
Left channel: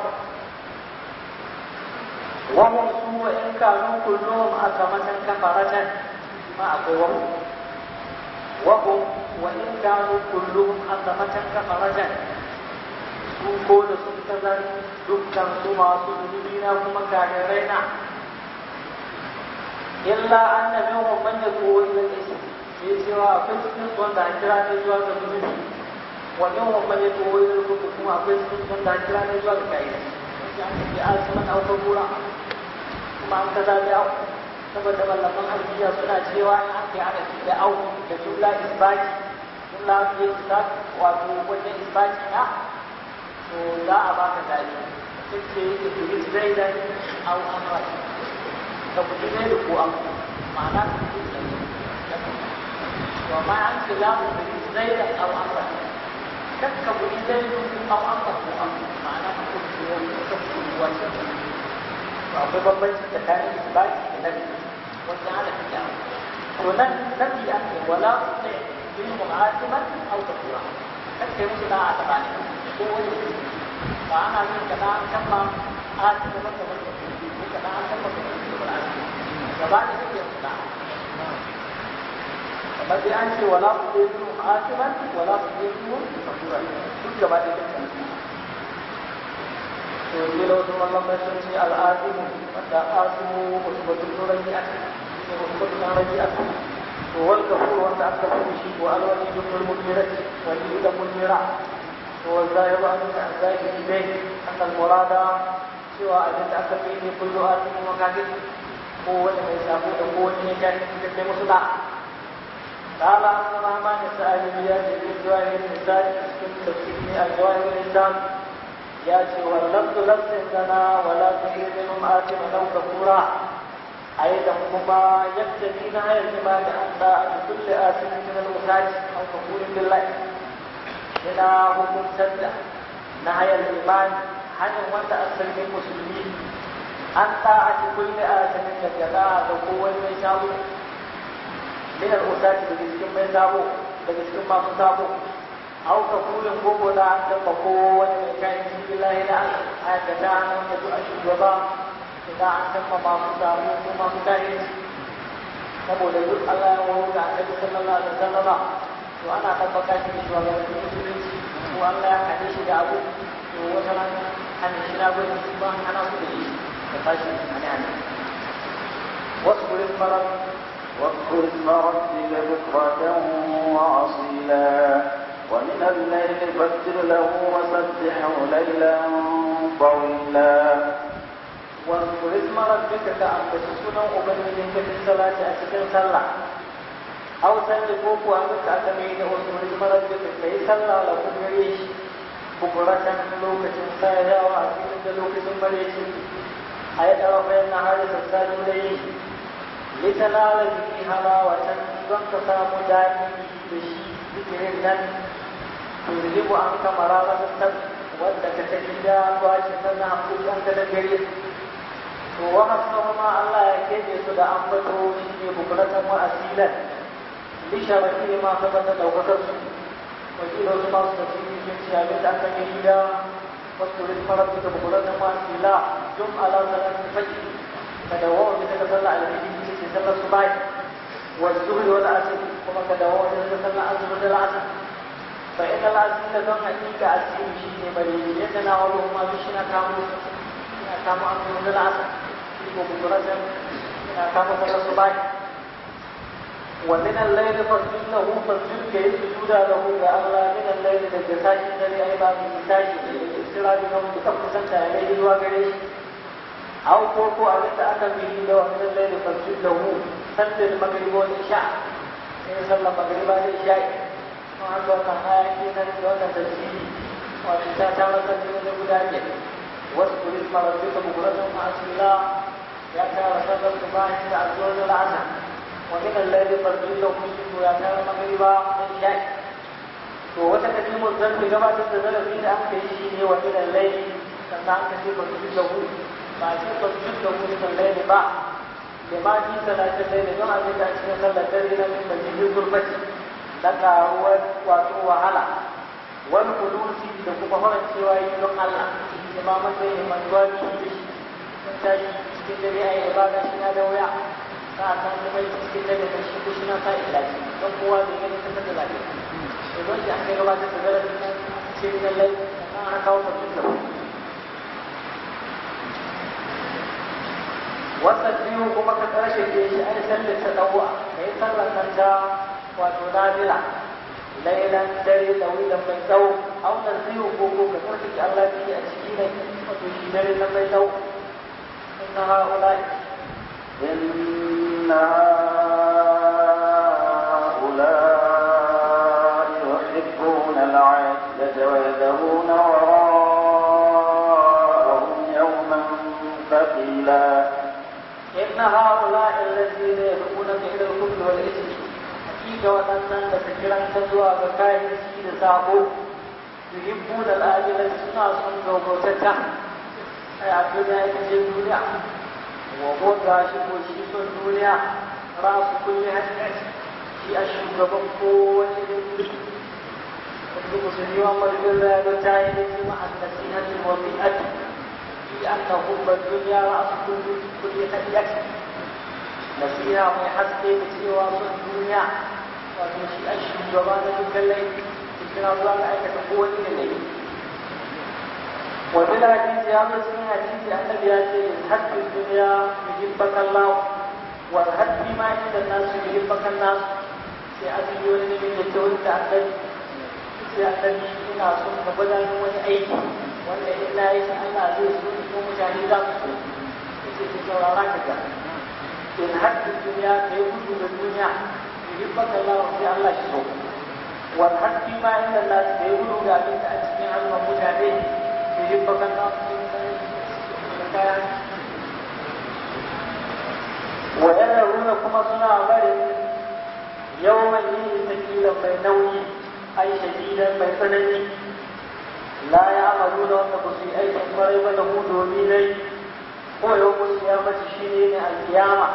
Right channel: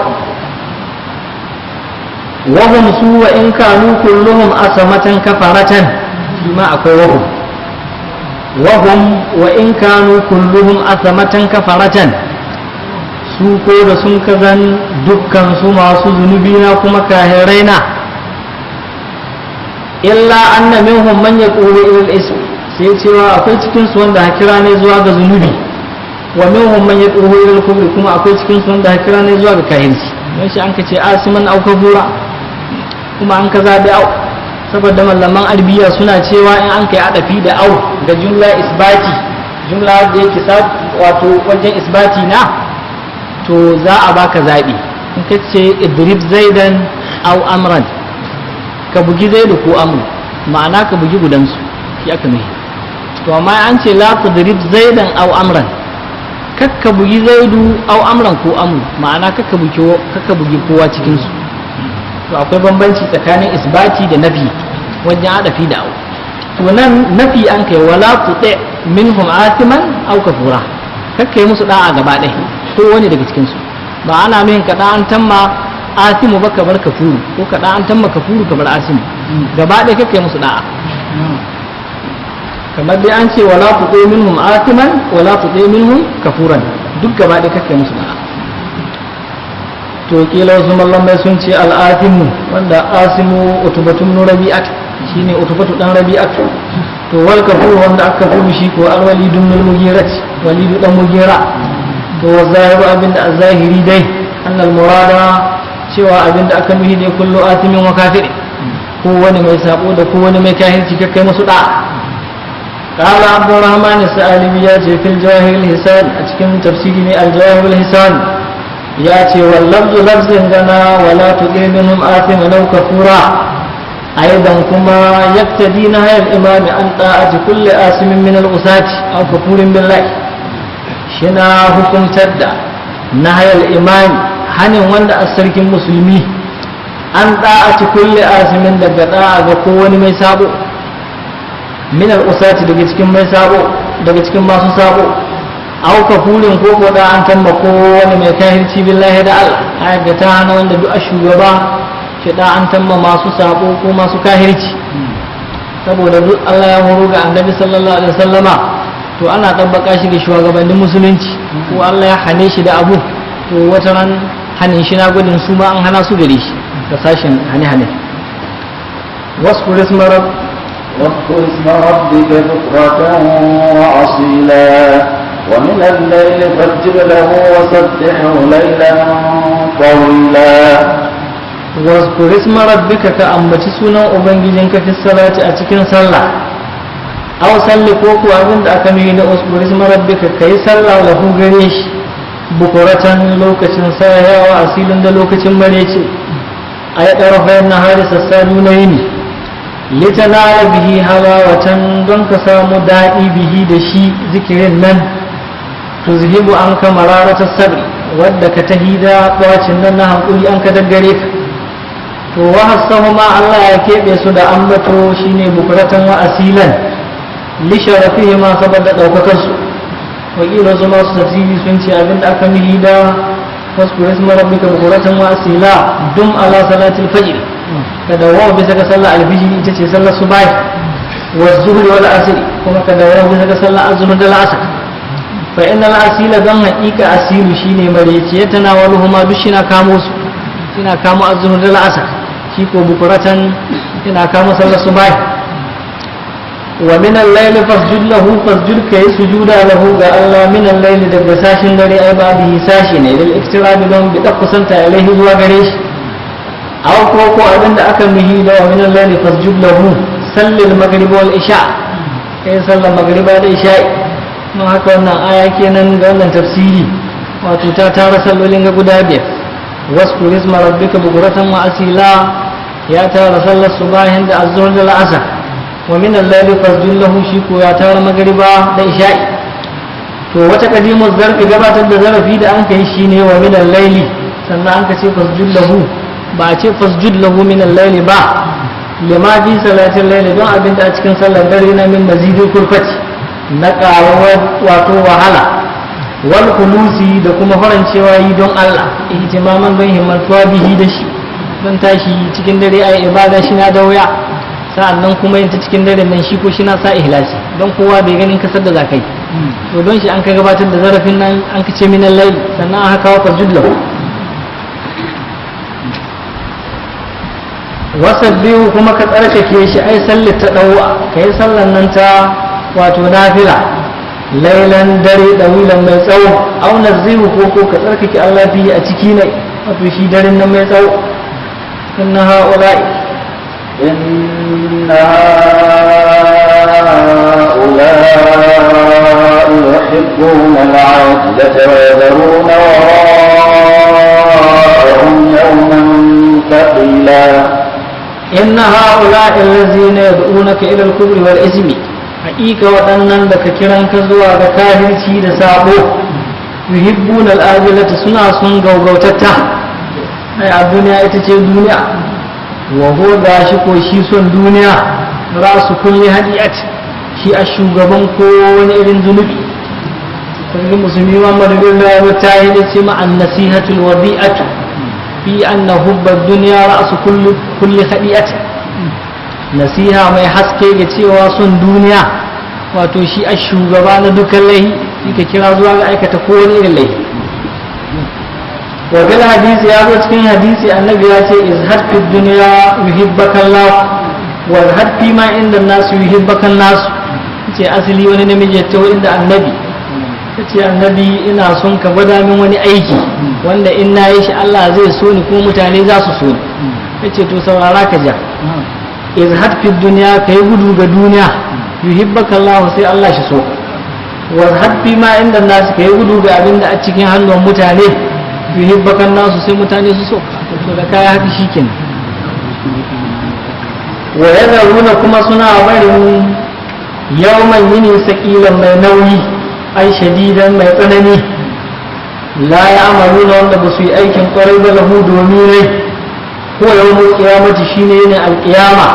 wahum su wa in kanu kulluhum asamatan kafaratan shi ma akwai wahum wa in kanu kulluhum asamatan kafaratan su ko da sun kazan dukkan su masu zunubi na kuma kahirai na illa anna minhum man yaqulu ila al-ism sai cewa akwai cikin su wanda hakira ne zuwa ga zunubi wa minhum man yaqulu ila al-kufr kuma akwai cikin su wanda hakira ne zuwa ga kahirci dan shi an kace asiman au kafura kuma an ka zaɓi au saboda malaman arbiya suna cewa in an kai adafi da au da jumla isbati jumla da yake wato wajen isbati na to za a baka zaɓi in ka ce idrib zaidan au amran ka bugi zaidu ko amru ma'ana ka bugi gudansu shi aka mai to amma an ce la tudrib zaidan au amran kakka bugi zaidu au amran ko amru ma'ana kakka bugi kowa cikin su to akwai bambanci tsakanin isbati da nafi wajen adafi da au to nan nafi an kai wala tuti minhum asiman au kafura kakka yi musu da'a gaba ɗaya ko wani daga cikin su ba ana min ka da an tamma asimu ba ka bar kafuru ko ka da an tamma kafuru ka bar asimu gaba ɗaya kakka yi musu da'a kamar dai an ce wala tuti minhum asiman wala tuti minhum kafuran duk gaba ɗaya kakka yi musu da'a to kila wasu mallamai sun ce al'atimu wanda asimu utubatun rabi'at shine utubatu dan rabi'at to wal kafur wanda aka kafuru shi ko alwalidun min mugirat walidu dan mugira to zahiru abinda azahiri dai annal murada cewa abinda aka nuhi ne kullu atimin wa kafir ko wani mai sabo da ko wani mai kahirci kai musu da qala abdurrahman as-sa'alibi ya ce fil jahil hisan a cikin tafsiri ne al-jahil hisan ya ce wal lafzu lafzin gana wala tuqi minhum atiman aw kafura aidan kuma yaktadi nahya al-imam an ta'ati kulli asimin min al-usati aw kafurin billahi shina hukuntar da nahya al-imam hanin wanda a sarkin musulmi an ta'ati kulli asimin daga da'a ga kowani mai sabo min al-usati daga cikin mai sabo daga cikin masu sabo aw kafurin ko ko da an tamba kowani mai kahirci billahi da Allah ayat ta hana wanda duk shugaba shi da an tamba masu sabo ko masu kahirci saboda duk Allah ya horo ga annabi sallallahu alaihi wasallama to ana tabbaka shi ga shugabannin musulunci ko Allah ya hane shi da abu to wata ran hanin shi na gudun su ma an hana su gare shi da sashin hane wasu rismarar واذكر اسم ربك بكرة وأصيلا ومن الليل فاسجد له وسبحه ليلا طويلا واذكر اسم ربك كأمبتي سنة أبنجينك في الصلاة أتكن صلى أو صلي كوكو أبند أكمل واذكر اسم ربك كي صلى له غريش بكرة لوكة سايا وأصيلا لوكة مريتي أي طرفي النهار سسالون يني litanala bihi halawatan don ka samu daɗi bihi da shi zikirin nan tuzhibu an ka mararatar sabri wadda ka tahida bacin nan na hankuli an ka daggare ka to wa hasahu ma Allah ya keɓe su da ambato shine bukuratan wa asilan li sharafihi ma saboda daukakar su wakila su masu tafsiri sun ce abinda aka mihi da wasku isma rabbika bukuratan wa asila dum ala salatil fajr ka dawo bisa ga sallar alfijir ita ce sallar subahi wa zuhri wal asr kuma ka dawo bisa ga sallar azhar da asr fa inna al asila dan haqiqa asilu shine mareci ya tanawaluhu ma dushina kamo su ina kamo azhar da asr shi ko bukuratan ina kamo sallar subahi wa min al-layli fasjud lahu fasjud kai sujuda lahu ga Allah min al-layli daga sashin dare ai ba bihi sashi ne lil iktirabi don bi kusanta ilaihi zuwa gare shi aw ko abinda aka mihi da wa min al-layli fasjud lahu sallil maghrib wal isha kai sallar maghriba da isha mun haka wannan aya kenan ga wannan tafsiri wato ta tara sallolin ga guda biyar wasku isma rabbika bukuratan wa asila ya tara sallar subahin da azhar da al'asr wa min al-layli fasjud lahu shi ko ya tara magriba da isha'i to wata kadimu zarfi gabatar da zarafi da an kai shine wa min al-layli sannan an ka ce fasjud lahu ba a ce fasjud lahu min al-layli ba lima fi salatin layli don abinda a cikin sallar dare na min mazidul kurfati na karawar wato wahala wal khulusi da kuma farancewa yi don Allah ihtimaman don himmantuwa bihi da shi don tashi cikin dare ai ibada shi na da wuya sa'annan kuma yin ta cikin dare nan shi ko shi na sa ihlasi don kowa bai ganin kasar da zakai to don shi an ka gabatar da zarafin nan an ka ce minal layl sannan aka kawo fasjud lahu wasabbihu kuma ka tsarkake shi ai sallar ta dawa kai sallan nan ta wato nafila lailan dare dawilan mai tsawo au nazihu ko ka tsarkake Allah bi a ciki ne wato shi daren nan mai tsawo inna ha'ula'i إن هؤلاء يحبون العاجلة ويذرون وراءهم يوما ثقيلا إن هؤلاء الذين يدعونك إلى الكفر والإثم حقيقة وأنن لك كران كزوا كاهرتي لسابو yuhibbuna al-ajilata suna sun gaugautatta ai a duniya ita ce duniya wa ho gashi ko shi son duniya rasu kulli hadiyat shi a shugaban ko wani irin zunubi kuma musulmi Muhammad bin Allah ta yi ce ma an-nasihatul wadi'atu fi anna hubba ad-dunya rasu kulli hadiyat nasiha mai haske ga cewa son duniya wato shi a shugaba na dukkan laihi ka kira zuwa ga aikata kowane irin laihi wa bil hadisi ya zo cikin hadisi annabi ya ce izhad fi dunya yuhibbaka Allah wa izhad fi ma inda nas yuhibbaka nas ce asali wani namiji ya tawo inda annabi yace annabi ina son ka gwada min wani aiki wanda in na yi shi Allah zai so ni ko mutane za su so ni yace to saurara ka ja izhad fi dunya kai gudu ga duniya yuhibbaka Allah sai Allah shi so wa izhad fi ma inda nas kai gudu ga abinda a cikin hannun mutane yuhibbaka nasu sai mutane su so to da kaya haka shikenan wa yadruna kuma suna barin yawman yini saqilan mai nauyi ai shadidan mai tsanani la ya'maluna wanda ba su yi aikin kwarai ba lahu domin rai ko yawmul qiyamati shine ne alqiyama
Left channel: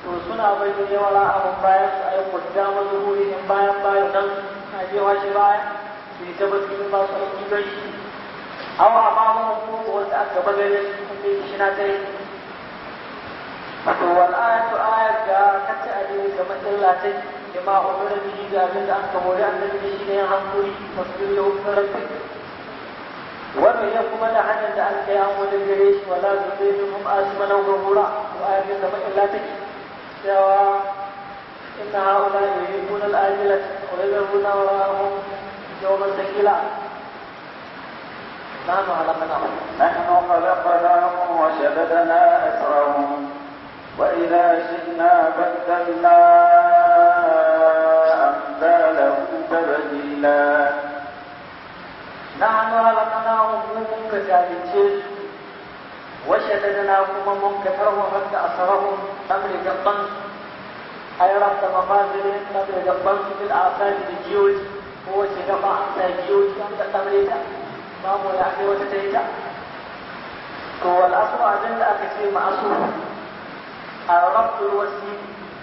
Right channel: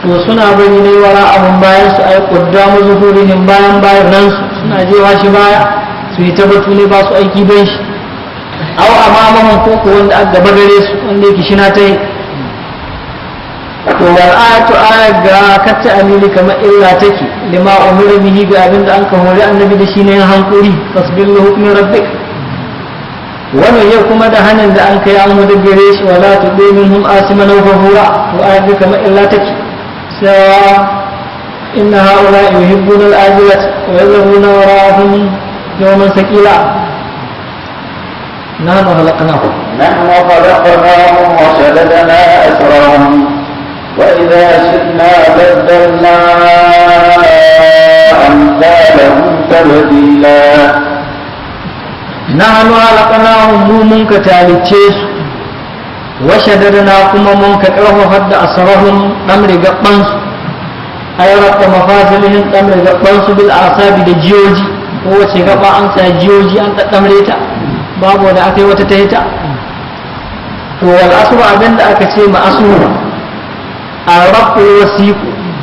to suna bari ne wara abun bayan su ai quddamu zuhurihim bayan nan su suna jewa shi baya su yi tabbatu ne ba su aiki don shi aw amamahum ko wanda aka gaba gare su wanda yake shi na ta yi to wal ayatu ayat ga katta amili kamar illa take lima umira bihi ga abinda an ka hore annabi da shi ne hankuri tasbir li hukmi rabbik wannan yau kuma da hanin da an kai an hudu gare shi wala tubi minhum asiman wa ghafura to ayat ga kamar illa take sai inna haula yuhibbuna al-ajilat wa yadhuruna wara'ahum yawman thaqila nahnu khalaqnahum وشددنا أسرهم وإذا شئنا بدلنا أمثالهم تبديلا نحن خلقناهم منك تالتشيس وشددنا كما منك كره حد أسرهم أمر قبنس أي رب مفاصلهم أمر قبنس بالأعصاب الجيوجي هو شغبا أنت جيوجي أنت تمريتا باب ودا أكي وتتهتا والأسر أبند أكتي ما أسر الرب الوسيق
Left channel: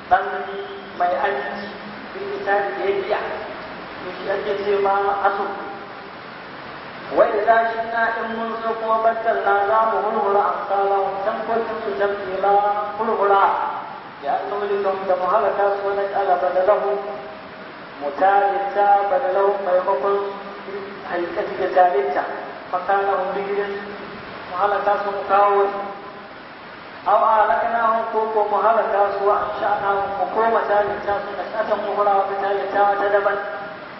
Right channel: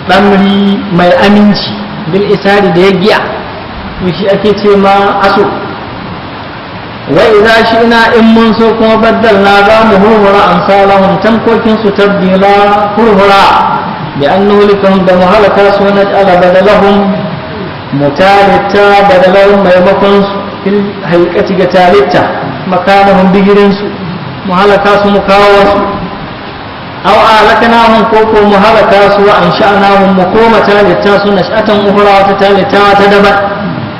ɗamri mai aminci bil isari da ya giya to shi ake ce ma aso wai idza shi ina in mun so kuma baddalna za mu hurhura amsalahum tankokin su tabdila hurhura bi annahu likum da muhalaka su na ala badalahum mutalita badalahum maimakon su fil haqiqati ga talita makanahum bigirin su muhalaka su mukawo su aw alakanahum ko mu halaka su wa ansha'nahum mu koma talita su nash'atan ukhra wa talita ta daban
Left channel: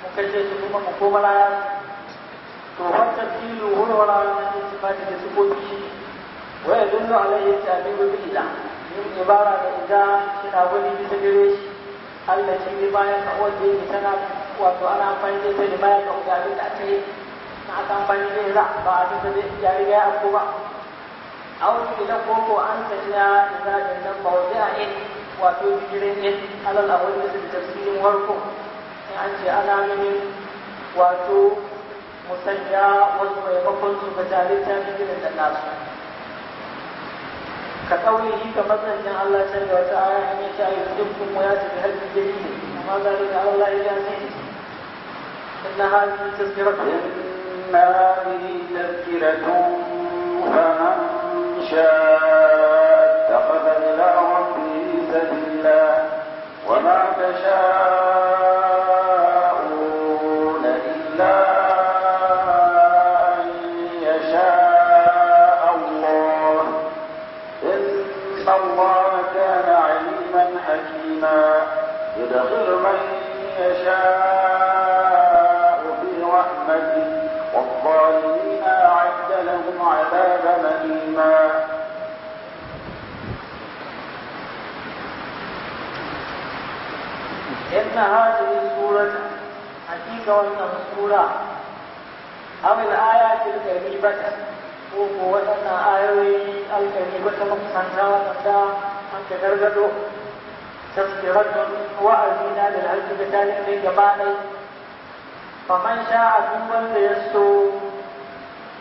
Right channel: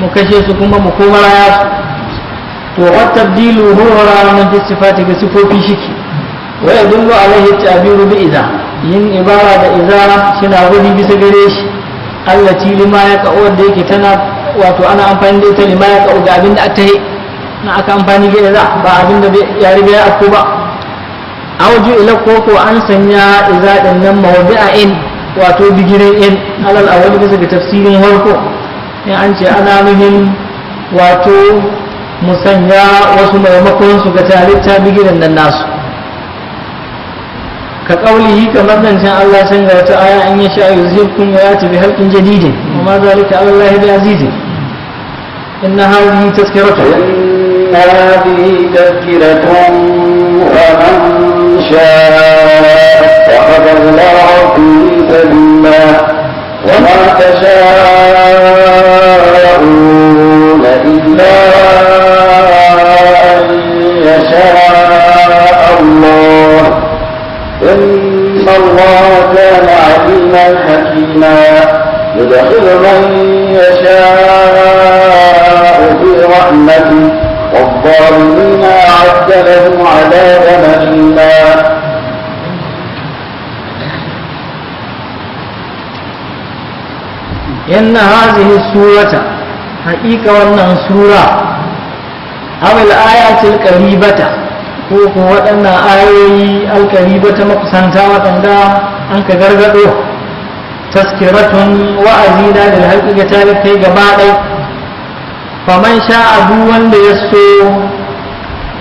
mu kashe su kuma mu koma raya su to wa tabdilu huwa min fi sifati ga sifofi shiki wa yadullu alaihi ta'biru bi idza yin ibara da idza shina gudi bisa gare shi allati lima ya ka wanda yake tana wato ana amfani da ita lima ya ka ga abinda aka yi na aka amfani da idza ba abinda ya riga ya afko ba auju ila koko an sanya izadin nan mawdi'in wato bigirin in alal awali bisa ga tafsirin harko in an ce ana nuhin wato musanya wasu maimakon su ga talitta bigirin nan nasu ka kaulihi kamar nan can Allah san ga wata aya an yasha yuzhikum wa yati bi halqin jadidin wa ma zalika ala Allah bi azizin inna hadhihi tazkiratun inna hadhihi tazkiratun wa شاء اتخذ الله في سبيلا وما تشاءون إلا أن يشاء الله إن الله كان عليما حكيما يدخل من يشاء في رحمته والظالمين أعد لهم عذابا أليما إن هذه السورة حقيقة وأن سورة أو الآيات القريبة ko waɗannan ayoyi alkaribata makusanta waɗanda an ka gargaɗo taskiratun wa'azi na da haƙiƙa ta kai gaba ɗai faman sha'a duk wanda ya so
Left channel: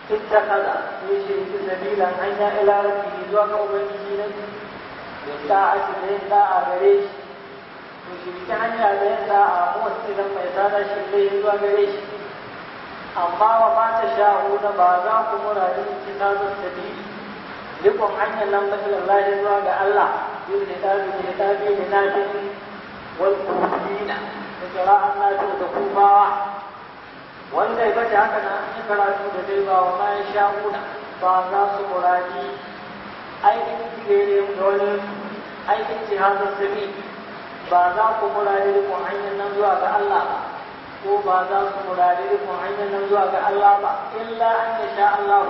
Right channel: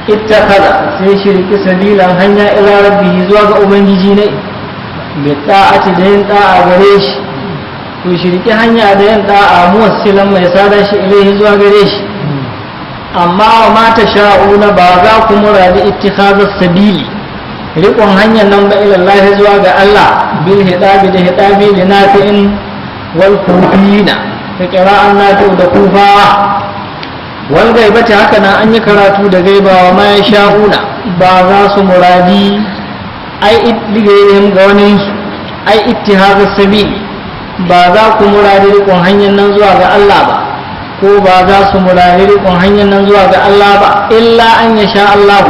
ittakhadha sai shirki sabilan hanya ila rabbihi zuwa ga ubangiji ne bi ta'ati da yin da'a gare shi to shirki hanya da yin da'a muwassilan mai sada shi ilaihi zuwa gare shi amma wa ma tasha'una ba za ku muradi ittikhadha sabili riƙon hanyar nan ba ila Allah zuwa ga Allah bil hidabi da hidabi li nafi'in wal kufina ta qira'an nafi da kufawa wal gaibati haka nan an yi karatu da gaibawa ma ya sha'una ba za su muradi ai ittigayen ga wani ai ittihadus sabili ba za ku muradi riƙon hanyar nan zuwa ga Allah ba ko ba za su muradi riƙon hanyar nan zuwa ga Allah ba illa an ya sha Allah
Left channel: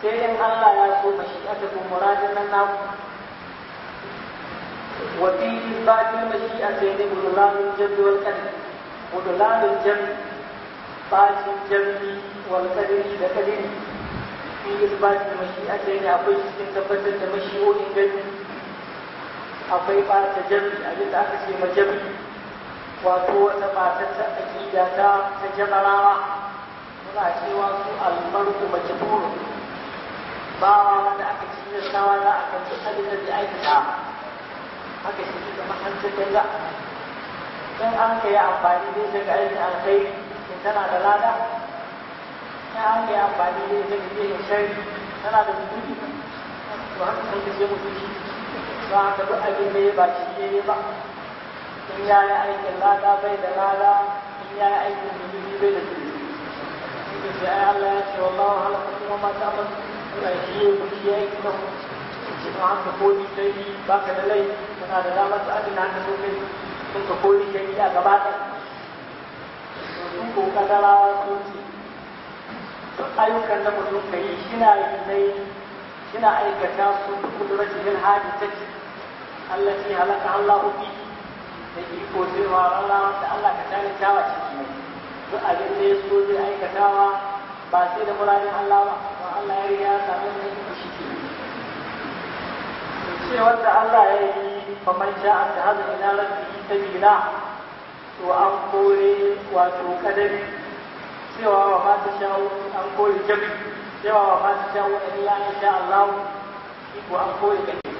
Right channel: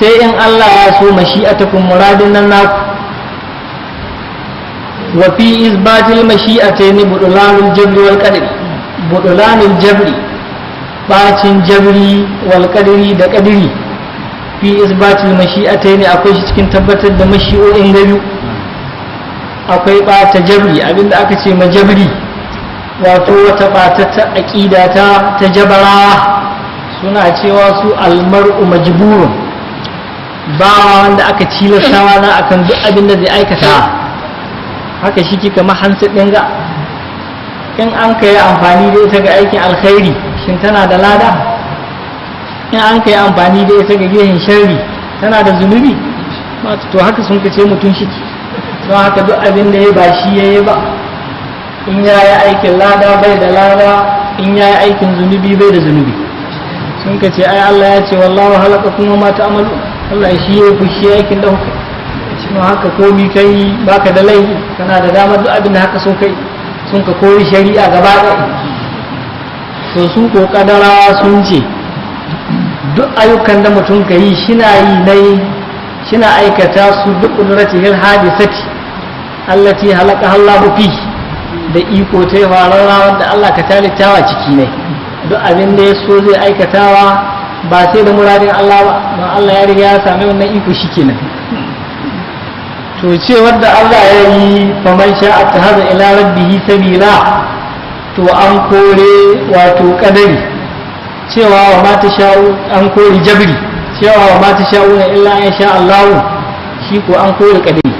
sai in Allah ya so mashi'atakum muradin nan naku wa fi isbatil mashi'atayn budulanul jabri wal qadri budulanul jabri bacin jabri wal qadri da qadri fi isbatil mashi'atayn akwai shi cikin tabbatar da mashi'o'in gabi akwai bata jabri abinda aka ce majabri wato wata bata ta aqida ta jabarawa suna cewa su almar'u majburun ba wanda aka cilastawa na akan duk abin da zai aikata haka shi kika mahansu ɗin ga in an ka yi amfani da ita ga aikin alkhairi shin tana da lada in an ka yi amfani da ita ga gehen sharri tana da zunubi to haka sun kace mutum shi don haka duk abin da ya ba shi ya yi ba in ya yi aikin lada bai da lada in ya yi aikin zunubi bai da zunubi sun kace ai Allah ya ce wallahu halaqakum wa ma ta'malun Allah shi ya fushi aikin da kuka shi ma haka komi kai baka da laifi kana da damar duk abin da haka so kai sun ka koyi shari'a gaba ɗaya to sun ko kadarawa sun ce duk ayyukan da mutum ka yi shina yi nai shina aikata su duk qudratil hadisati allati halaka Allahu fi da iko ta yi farara wanda Allah ka talittawa ciki ne duk abin da ya so zai aikatawa ba sai da muradin Allah ba don Allah ya riga ya sami wannan iko shikenan to ce wanda Allah ya yi faman sha'a tahaza ila rabbihi sabila to an kore wato kadari cewa wa ma sha'u an kore jabri cewa wa ma sha'u illa in sha Allah shi ko an kore kadari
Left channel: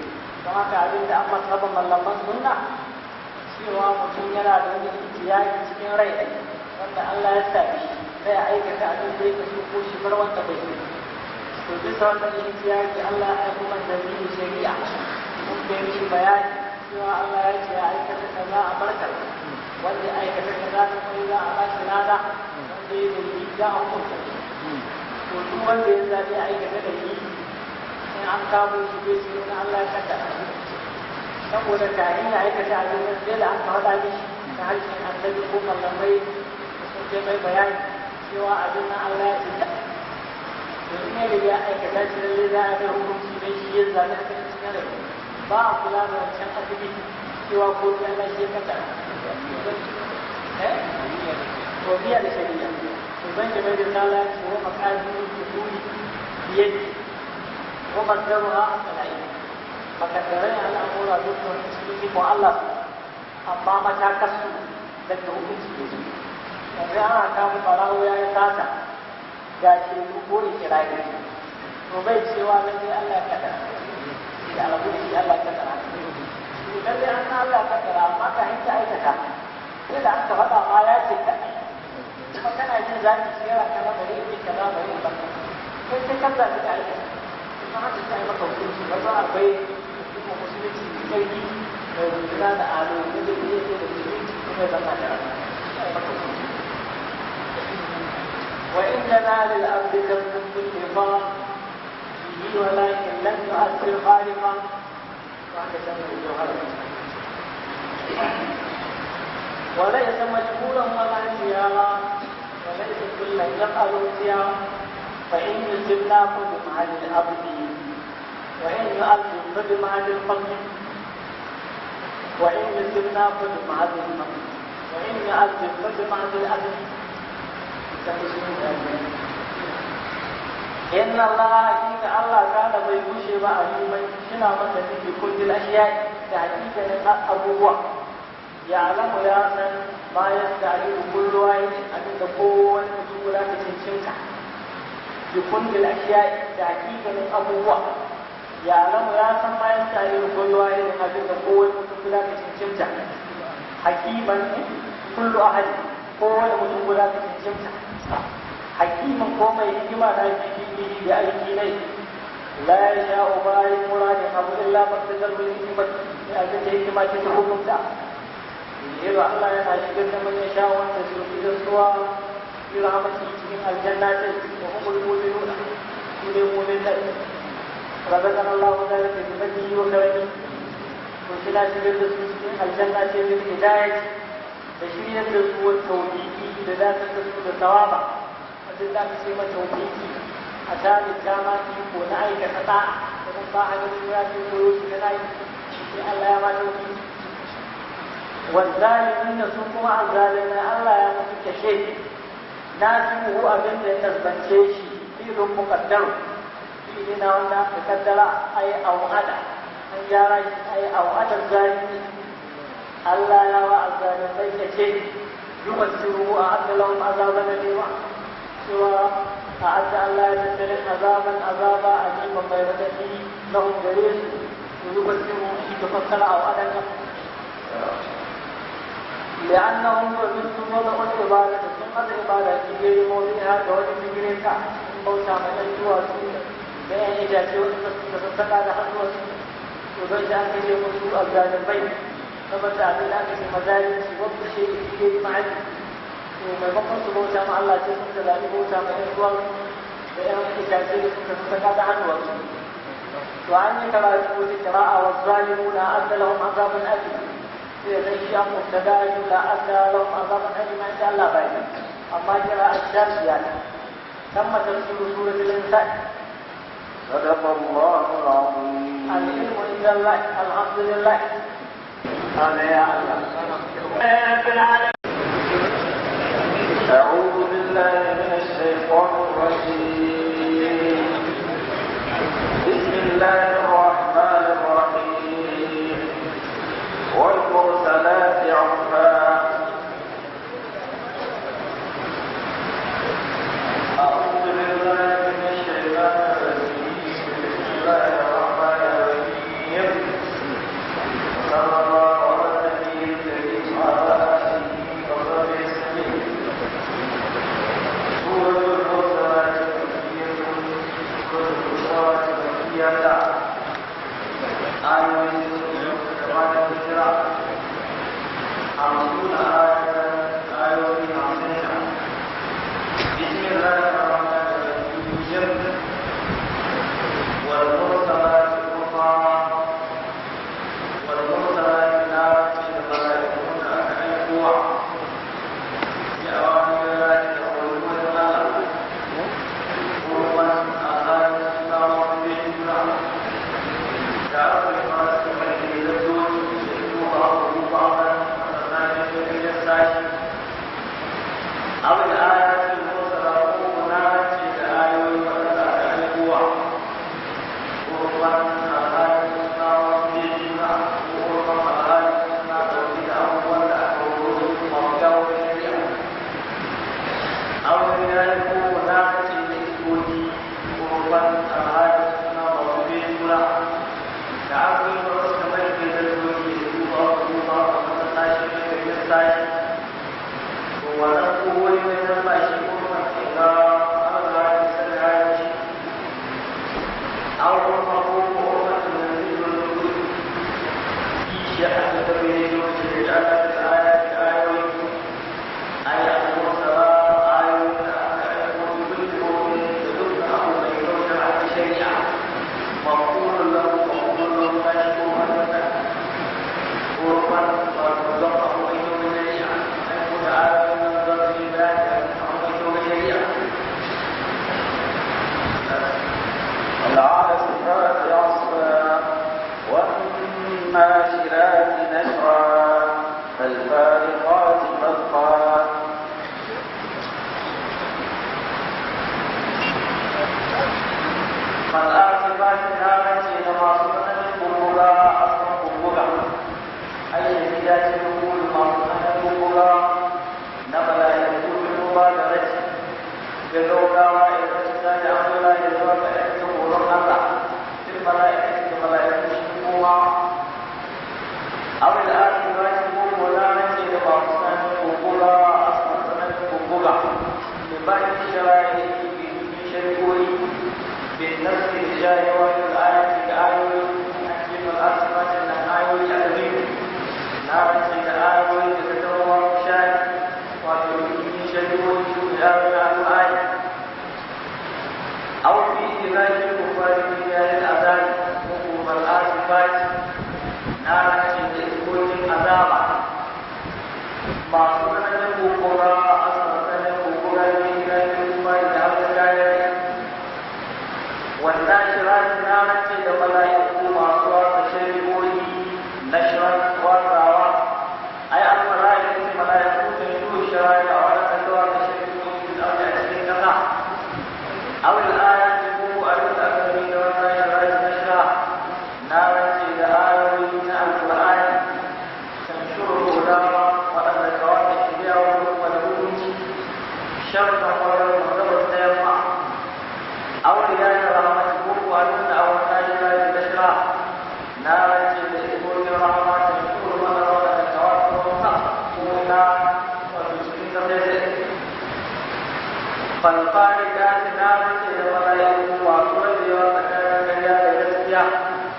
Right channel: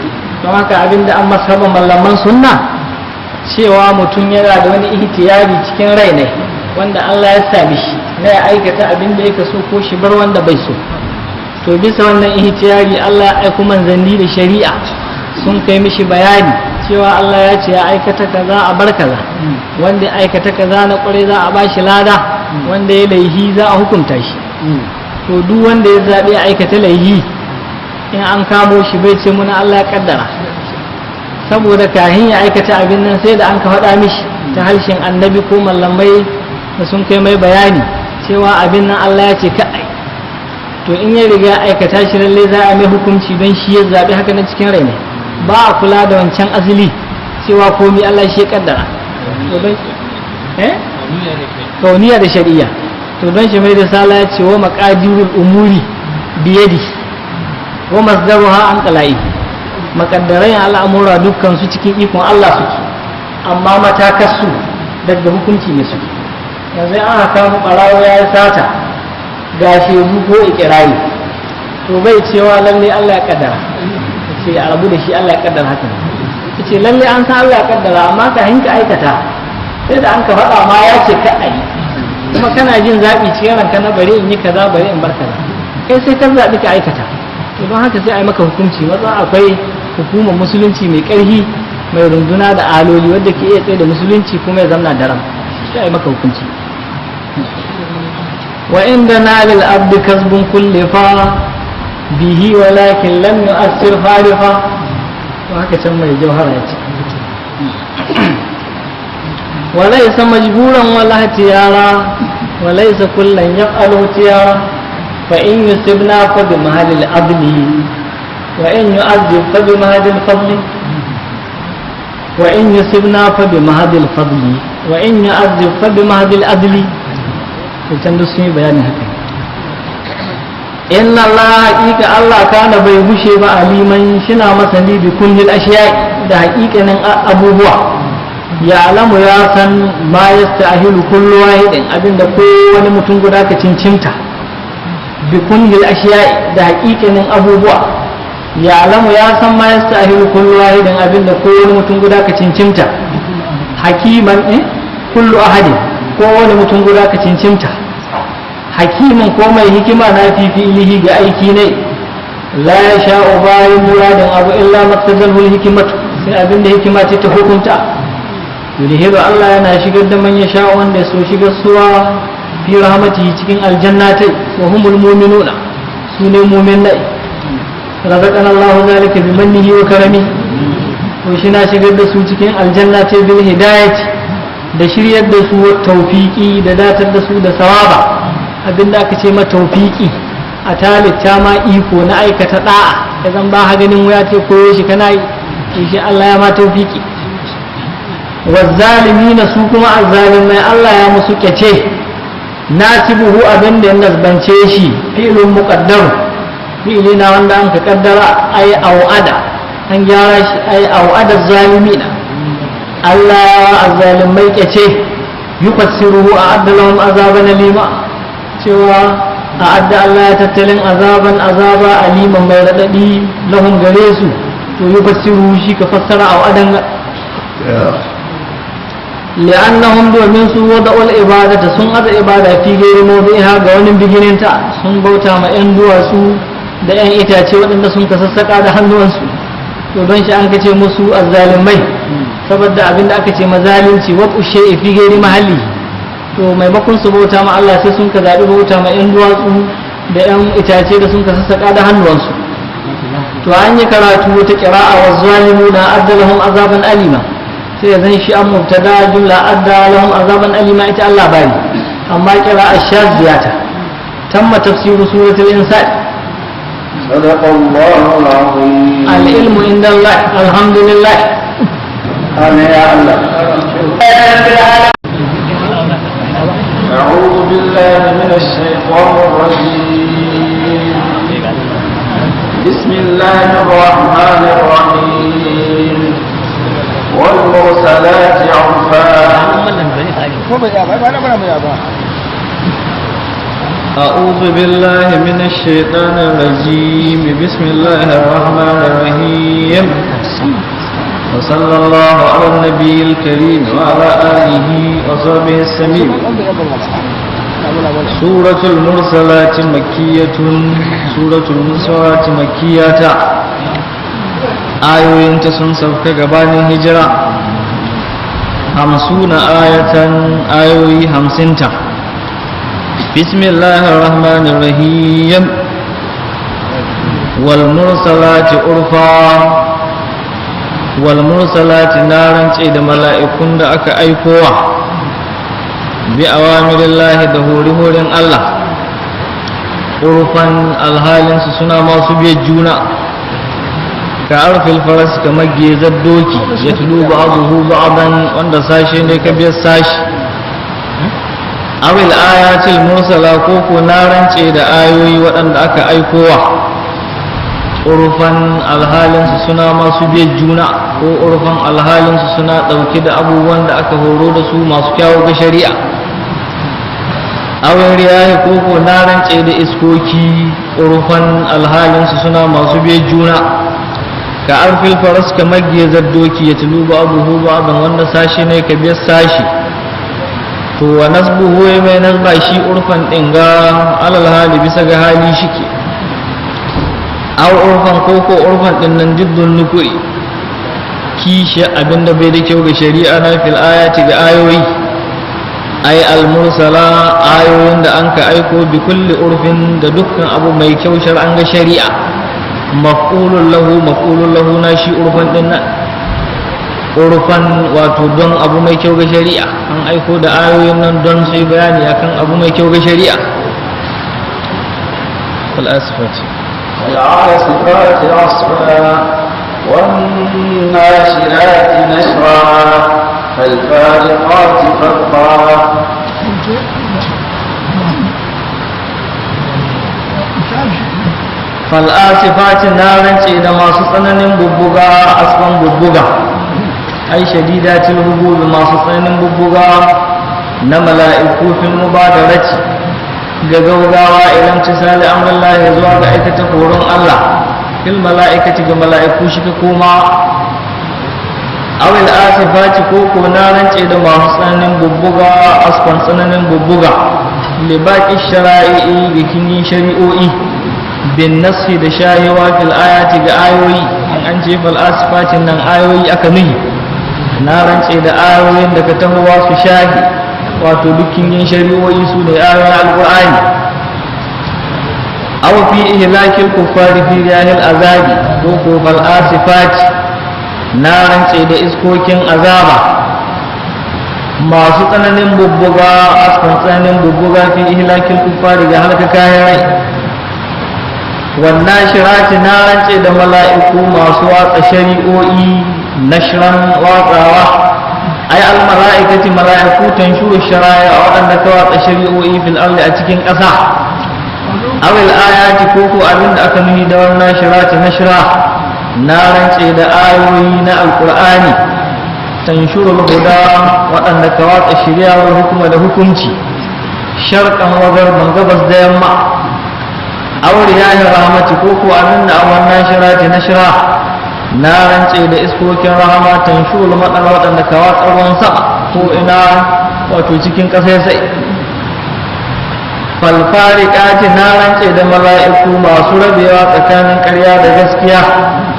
don haka abinda an masaba mallaman sunna cewa mutum yana da wani ihtiyari cikin rai ne wanda Allah ya sami shi na ya aikata abin da yake so ko shi bar wanda bai so to bisa wannan ihtiyari Allah ya aiko manzanni da shari'a sun kai mishi bayani cewa Allah ya ce ya aikata kaza a bar kaza wanda ya aikata kaza na kware za a bashi lada wanda ya laihi za a hukunta shi to duk wanda ya zabe aikata laihi in an kamo shi bai ce muna Allah ya kaddara saboda kahin ya aikata abin nan sai da an ka faɗa mishi ta harshen annabi ko mallamai da sun kai mai bayani cewa abin nan Allah ya ce ka ai to in ya riga aikata shi lalle za a mai hukunci don shi ya zaɓi haka na cikin rai ne ba a kula da wancan asali cewa komi Allah shi ya kaddara to don kauniya da shari'a to don shi mai risala ya ce wa maqadirul umuri biyadi wa masdaruha an qalai makaddarai al'amura dukkan su cikin ikon Allah suke amma matakarsu daga hukunci ne suke yanzu an haka mu ɓarawo ya yi sata ga shehu ko ikirari to bai cewa lalle Allah ya kaddara ce a rabu da shi Allah ya kaddara haka ce lalle an san Allah ya kaddara amma ka hinka aikata sai da an ka faɗa ma ya ce ka ayi kuma kana jin zaɓi cikin ranka na bari in yi kaza bari in bar kaza kai sai ka zaɓi ka aikata to don haka sai a yi maka hukunci wanda akwai hukumar musulunci mai ƙarfi mai runduna da aloli wadda ke iya tsaye da musulunci kuma ya zamna daram sai a yi maka hukunci wa inda na lil abdi kasbun kullifa bihi walakin lam yu'assir farifa to haka can mai jauhara ya ce وليس مجبورا ولا اختيارا وليس كلا يفعل اختيارا فإن يصبنا فبمهل العدل وإن يعذب فبمهل الفضل وإن يصبنا فبمهل الفضل وإن يعذب فبمهل العدل وتندسني بيان هكذا إن الله حقيقة الله كان بيبشي عليما شنا مثلي بكل الأشياء ده حقيقة أبوه ya alamu ya san ma yastahilu kullu wahidin abinda kowane mutum guda ka cincimta bi kunhil ashiya da haƙiƙanin abubuwa ya alamu ya san ma yastahilu kullu wahidin abinda kowane mutum guda ka cincimta hakiman kullu ahadin kowane mutum guda ka cincimta hakimin ko mai hikima na fifi ga aiki ne la ya sha'u bayan muradin abu illa maktazalhul hikimatu sai abinda hikima ce ta hukunta yudhiru Allah yana shigar da man yasha wanda ya so shigar suwa fi rahmatihi cikin aljannatai wa humul mu'minuna sune mu'minai razaqana Allah zalika bi mannihi wa karami to shi na shigar da su cikin aljannatai bil hidayati da shiryar da su tawfiqi da datar da su da sawaba abinda aka ce ma tawfiqi a talitta ma iko na aikata da'a da zan ba ha ganin waya ce koyo shi kana yi shi Allah ya ma tawfiqi wazzalimina su kuma azzalimai Allah ya musu kyace nasibuhu abinda ya nasbance shi fi'lun muqaddar fi'li na wanda an ka kaddara ay au'ada an gyara shi ay au'ada zalimina Allah azzalimai kyace yufassiruhu a'adda lahum azaban alima cewa a'adda Allah ya tattalin azaba aliman mai radadi lahum gare su to yufassiruhu shi ka fassara au'adan li'annahum domin su wada'ul ibadata sun ada ibada fi gairi mawdi'iha ga wani bigininta sun bauta ma yan duwatsu da yan itace waɗanda sun ka sassaka da hannuwansu to don shi an kace musu azzalimai saboda abinda aka ce mazalimci wa ushe fi gairi mahalli to maimakon su bauta ma Allah sai sun ka zabi bauta ma yan duwatsu da yan itace da sun ka sassaka da hannuwansu to an yi karatu ta qira'a wa zalimuna addalahum azaban alima sai zan shi an mubtada jumla adda lahum azaban alima ita Allah bani amma qira'a shadiyata tamma tafsiru suratul insan صدق الله العظيم العلم عند الله الحمد لله آمين يا الله أعوذ بالله من الشيطان الرجيم بسم الله الرحمن الرحيم والمرسلات عرفا أعوذ بالله من الشيطان الرجيم بسم الله الرحمن الرحيم وصلى الله على النبي الكريم وعلى آله وصحبه السميع سورة المرسلات مكية سورة المرسلات مكية ayoyinta sun sauka gabanin hijira 50 ayatan ayoyi 50 bismillahir rahmanir rahim wal mursalati urfa wal mursalati naran ce da mala'ikun da aka aikowa bi awamirillahi da hori-horin Allah urfan alhalinsu suna masu biyar juna ka arfil faras kamar gezar doki ya tulu ba'aduhu ba'adan wanda sashe ne ka biyar sashi awil ayatil mursala ko ko na rance da ayoyi waɗanda aka aikowa urfan alhalinsu suna masu biyar juna ko urfan alhalinsu suna ɗauke da abubuwan da aka horo da su masu kyawu ga shari'a awin riyahi ko ko na rance da iskoki urfan alhalinsu suna masu biyar juna ka arfil faras kamar gezar doki ya tulu ba'aduhu ba'adan wanda sashi ne ka biyar sashi to wa nasbuhu mai nasba shi urfan din ga alal hali bisa ga hali shike aw urfan ko urfan din nan jiddun nukuri kishi abinda bai da kyau ga shari'a na fil ayati ga ayoyi ay al mursala ayoyin da an ka aiko bi kulli urfin da dukkan abu mai kyau shar'an ga shari'a maf'ulun lahu na shi urfan din nan urfan wato don abu mai kyau ga shari'a an aiko da ayoyin nan don su yi bayani akan abu mai kyau ga shari'a al-asfat والعاصفات عصفا والناشرات نشرا فالفارقات فرقا fal'asifati na rance da masu tsananin bubbuga asban bubbuga ai shadidatil hububi masu tsananin bubbugawa na mala'iku fil mubadarati ga gaugawa idan tisali amrullahi zuwa ga aikata horon Allah fil mala'ikati ga mala'iku shi ka koma awil asifati ko na rance da masu tsananin bubbuga asfan tsananin bubbuga li baqi shara'i ga kinin shari'o'i bin nasi da shayewa fil ayati ga ayoyi in an ce fal asifatin nan ayoyi aka nuhi na rance da ayoyin da ka tahowa su shahi wato dukkin yin shari'o'i su ne ayoyin alqur'ani aw fi ihlakil kuffari fi yahil azabi ko fal asifati na rance da iskokin azaba masu tsananin bubbuga askan tsananin bubbuga fi ihlakil kuffari ga halaka kayan rai wannan shirati na rance da mala'iku masu watsa shari'o'i nashran watsawa ay al mala'ikati mala'iku tanshuru shara'a waɗanda ka watsa shari'o'i fil ardi a cikin ƙasa awil ayati koko abinda aka nuni da wannan shirati nashra na rance da ayoyi na alkur'ani tanshurul huda waɗanda ka watsa shirya wa hukuma da hukunci sharqan wa garban gabas da yamma aure ya yi rahmati ko ko abin da wannan shirati na shira na rance da iskokin rahama tanshurul maɗan waɗanda ka watsa ruwan sama ko ina wato cikin ƙasa sai falfariƙati na rance da mala'iku masu rabewa tsakanin ƙarya da gaskiya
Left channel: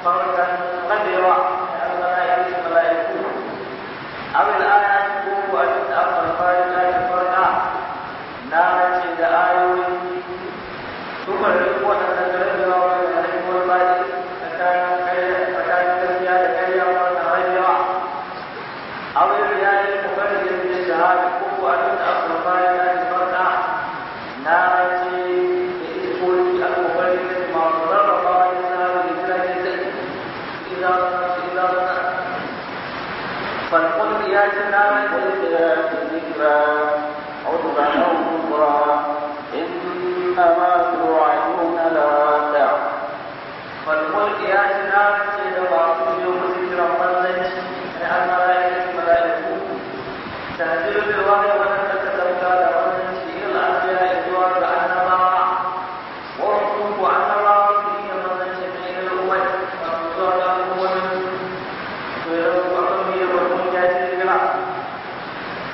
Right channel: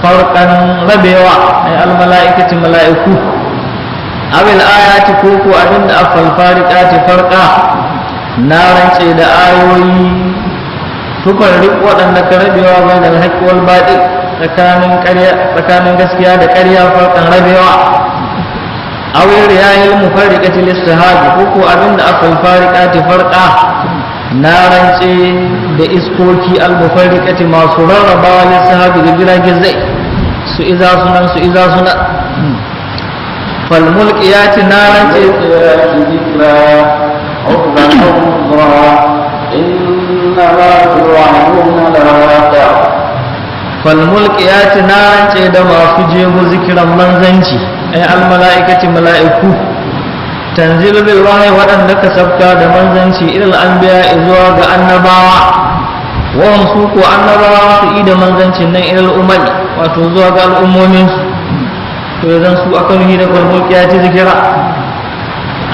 farkan rabewa ay almala'ikati mala'iku abil ayati koko abinda afal fariqati farqa na rance da ayoyi tufarriq waɗanda ka rabewa bainal haqqi wal batil tsakanin gaskiya da ƙarya farkan rabewa awil riyahil mufarriqati listihabi koko abinda afal fariqati farqa na rance da iskoki al-mufarriqati masu rarrabawa lissahabi da jiragen zai su iza sunan fal mulkiyati na rance fal mulkiyati na rance da masu jego zikiran manzanci ay al-mala'ikati mala'iku tanzilu bil wahyi waɗanda ka sabka da manzanci ilal anbiya zuwa ga annabawa wa hum su ko annabawa su yi da manzancin nan ilal umami wato zuwa ga al'ummomin su to yanzu su akan yi da mulkiyati zikira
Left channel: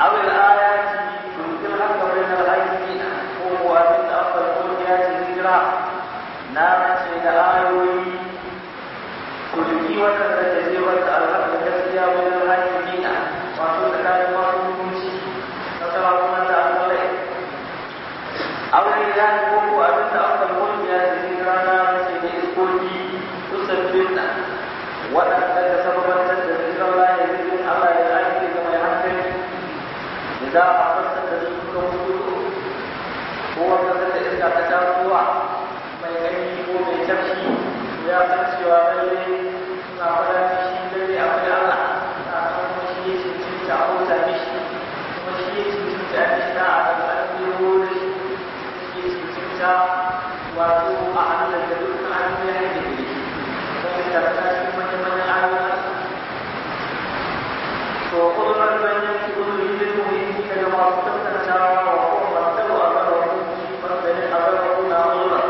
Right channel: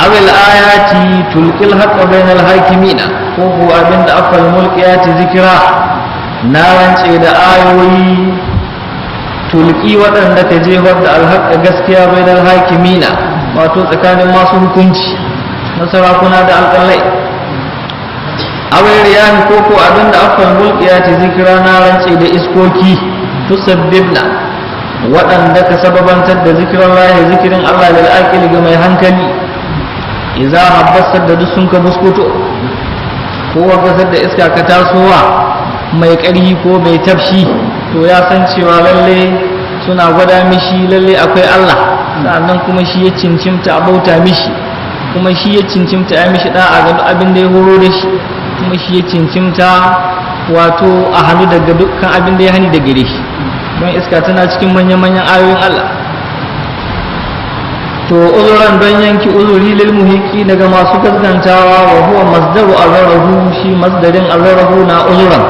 abil ayati tulqil haqqa bainal hakimina ko ko abinda afal mulkiyati zikira na rance da ayoyi tulki waɗanda ka jefar da alhaƙa gaskiya bainal hakimina wato tsakanin masu hukunci na sarakuna da alƙalai awai riyahi ko ko abinda afal mulkiyati zikira na rance da iskoki tusabbibna waɗanda ka sababantar da zikiran lahi zikirin Allah da al'aqili ga mai hankali idza habbasar da duk sun ka buskuto ko wagasar da iska ka tasowa mai ƙarhi ko mai tafshi to ya san cewa lalle suna gwada mishi lalle akwai Allah sannan kuma shi ya cincimta a bauta mishi kuma shi ya cincimta ya mishi da'a ga duk abin da ya horo da shi kuma shi ya cincimta wato a hannu daga dukkan abin da ya hani da gare shi don iska tana cikin manyan ayoyin Allah to uzuran don yanki uzuri lil muhiqi daga masu gaskantawa wa huwa masdaru azarahu shi masdarin azarahu na uzuran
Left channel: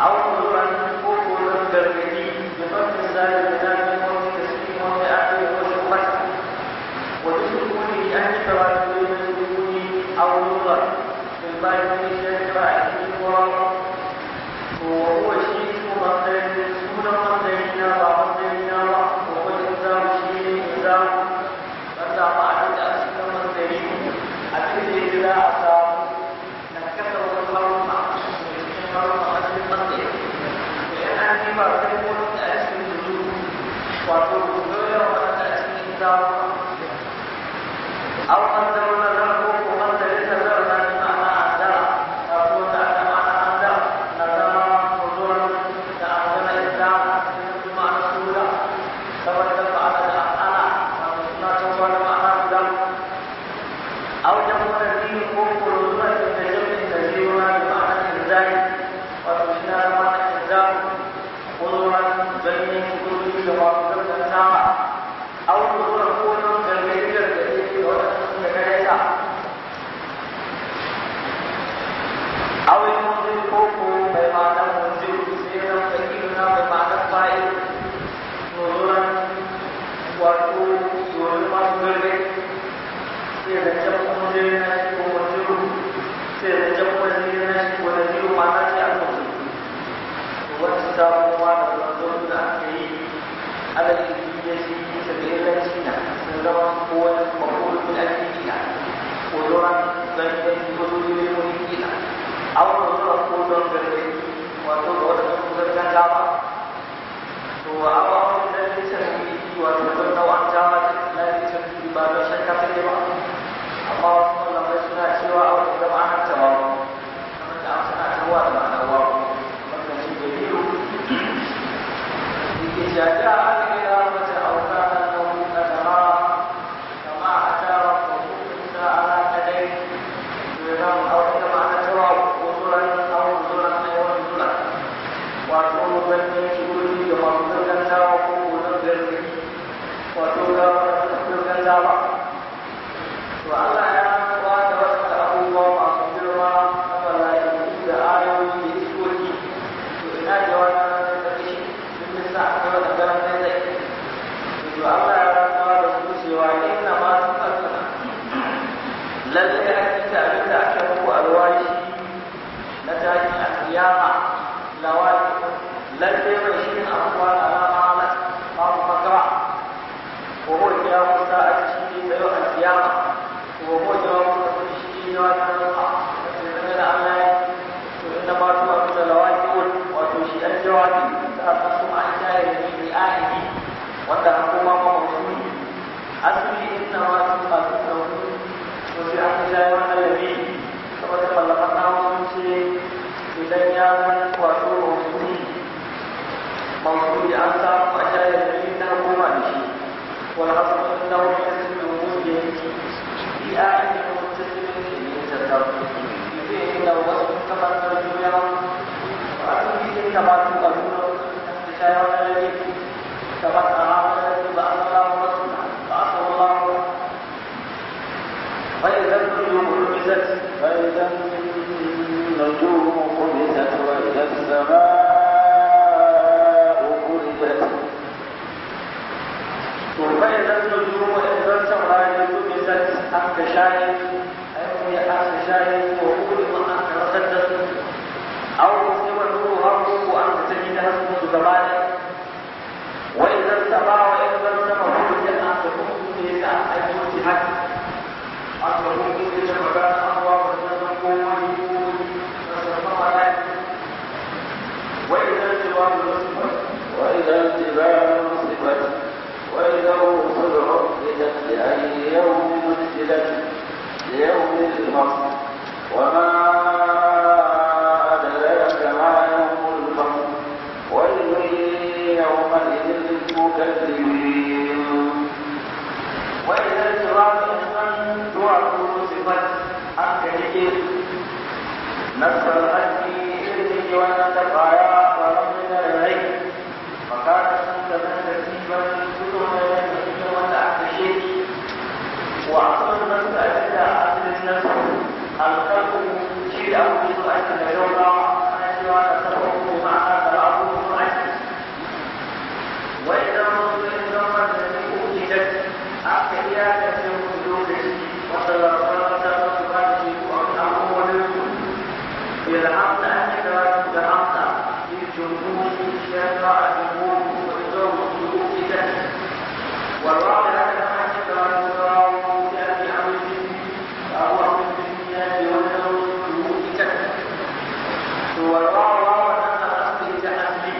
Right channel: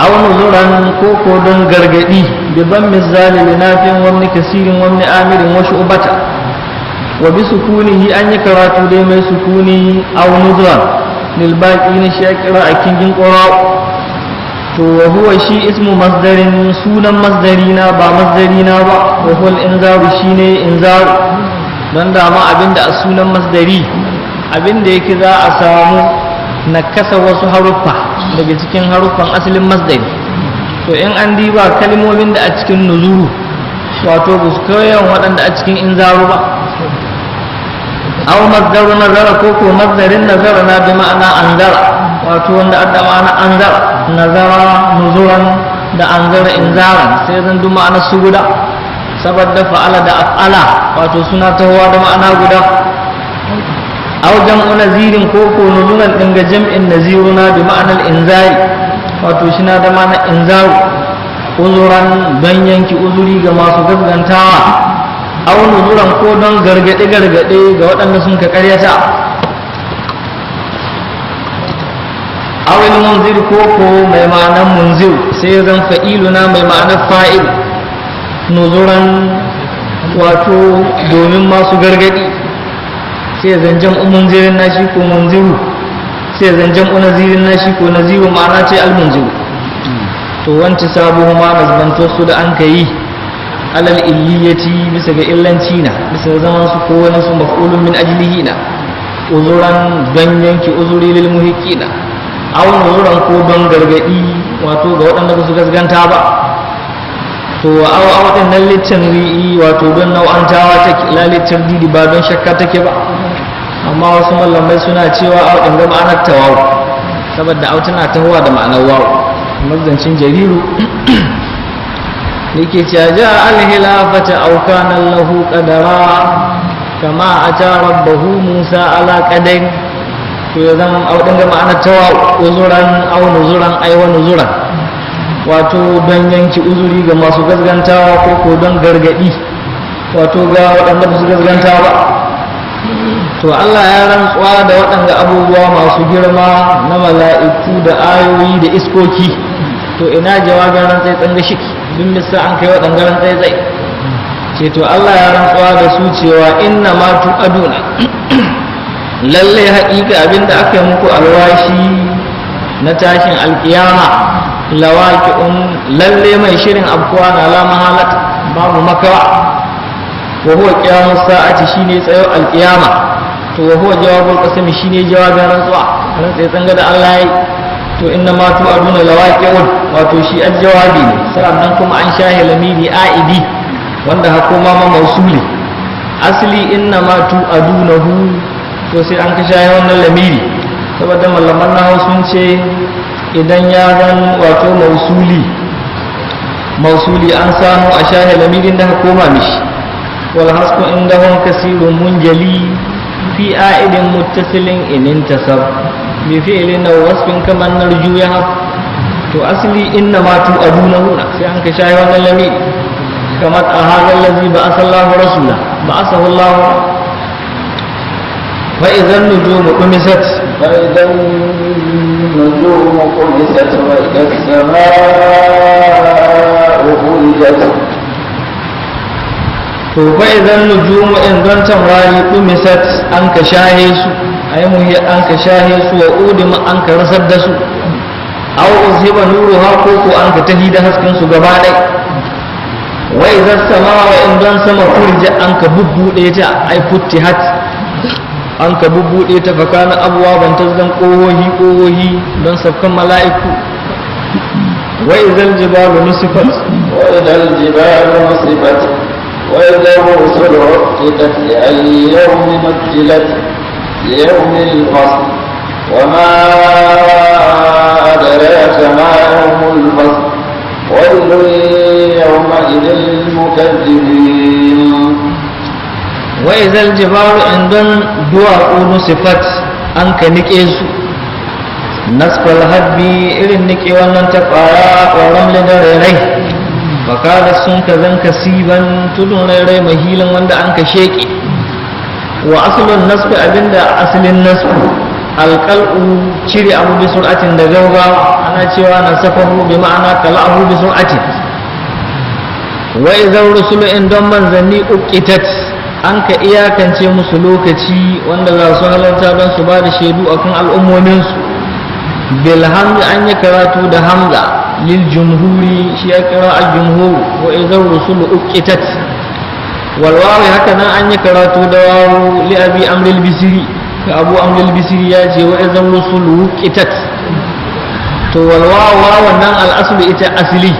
aw nuzuran ko don gargadi bi ban misali linafin wani kasirin wani amirin wa shu'bata wa bi sukunihi an yi karatu dai mai sukuni aw nuzuran lil baqi ne shi akira a kingin qura to wa huwa shi ismu masdarin sunan masdarina ba masdarina ba wa huwa al-inzaru shine inzaru don dama abinda a sunan masdari abinda yake za a samu nakasa wasu haruffa daga cikin haruffan asalin masdari to in an diba kalmomin da a cikin nuzuru wato ba su kayan waɗanda a cikin inzaru ba aw masdaru nazara ko ko masdarin nazara na bi ma'ana anzara wato wanda adda ma'ana anzara nazara nuzuran da anzara inzaran sai zan duk ma'ana su guda saboda fa'ala da af'ala wato suna tahowa da ma'ana guda aw jam'u nazirin ko ko nuzuran din ga jam'in naziruna bi ma'anar inzari wato shi na da ma'anar inzaru uzuran don yanki uzuri ga masu gaskantawa aw nuzuran ko don gargade ga waɗanda sun ka ƙaryata awil munzir ko mai ma'anar munzir sai zan fa'iluna mai ma'anar fa'il nuzuran wato domin masu gargadi sai zan jam'u munzirin nashi ko munziru sai zan jam'u nazirin nashi ko naziru ma'ana ce almunziru to wanci sabuhu ma nazbanto su da an kai alal illiyati bisa ga illanci na bisa zaman su ko wani su maf'ulun min ajlihi na uzuran don yanki uzuri lil muhiqqina aw nuzuran ko don gargadi wato ga waɗanda ba su gasganta ba to aw din nan litin ri'i wato don nau'antawa take la litin didi ba don shakka take ba amma wasu mallamai suna cewa aw din ga ma'anar tawawu saboda aw tana tahowa da ma'anar wawu mazancin jariru yake cewa ja al-hilafata aw kana lahu qadara kama ata rabbahu musa ala qadar to zan aw din ga ma'anar tawawu uzuran aw nuzuran ay wa nuzuran wato don yanki uzuri ga masu gazgantawa ko don gargadi wato ga waɗanda ba su gazganta ba to Allah ya rantsuwa da waɗanda abubuwa masu girma na mala'iku da ayoyi da iskoki to ina jawabin rantsai tsanga shi duk misa an kai waɗanda rantsai tsai ce to Allah ya rantsuwa da su cewa inna ma tu'aduna lalle haƙiƙa abinda aka yi muku alwashi na tashin alƙiyama lawaqi'un lalle mai shirin abkuwa na la mahalat babu makawa wa huwa qiyamus sa'ati shine tsayo alqiyama to wa huwa jawabul qasam shine jawabin rantsuwa rantsai tsanga da Allah yayi to inna ma tu'aduna lawaqi'un wato shi aljawabi ne sannan kuma an shahi lamiri aidi wanda hakuma ma mausuli asli inna ma tu'adunahu to sai an ka shahi wannan lamiri saboda malaman nahawu sun ce idan ya zan wato mausuli an samu a shahe lamirin da koma mishi wal hasku indahum kasirun munjali fi a'idin muttasilin in intasab bi fi'lin aw wasfin kaman narju ya to asli inna ma tu'adunahu sai an ka shahe wannan lamiri kamar a hadha allazi ba'atha Allahu rasula ba'athahu Allah fa idan nujumu qumisat fa idan النجوم قمست وإذا السماء فرجت to fa idan nujumu in don tamrari qumisat an ka shahe su ay muhi an ka shahe su wa udima an ka rasar da su aw uzhiba nuruha ko ko an ka tahi da hasken su gaba dai wa idan samaa in don sama furja an ka bubbude ta ay futtihat an ka bubbuɗe ta fakana abuwa ban ta zan ƙohohi don sabkan mala'iku wa idal jibalu nusifat wa idal rusulu uqitat li ayyi yawmin ujjilat li yawmil fasl wa ma adraka ma yawmul fasl waylun yawma idil mukaththibin wa izal jibalu indan duwatsu nusifat an ka nike su nasfal habbi irin nike wannan ta fara ƙwaron da rairai fakada sun ka zan kasiban tudun rairai mahilin wanda an ka sheƙe wa asalin nasfi abinda asalin nasfu alƙal'u cire abu bi sur'atin da gaugawa ana cewa na safahu bi ma'ana kala abu bi sur'atin wa izal rusulu indan manzanni uqitat an ka iyakance musu lokaci wanda za su halarta don su ba da shaidu a kan al'ummominsu bil hamdi an yi karatu da hamza lil jumhuri shi ya kira al jumhur wa idan rusulu uqitat wal wawi haka nan an yi karatu da wawu li abi amril bisri ka abu amril bisri ya ce wa idan rusulu uqitat to wal wawu wannan al aslu ita asli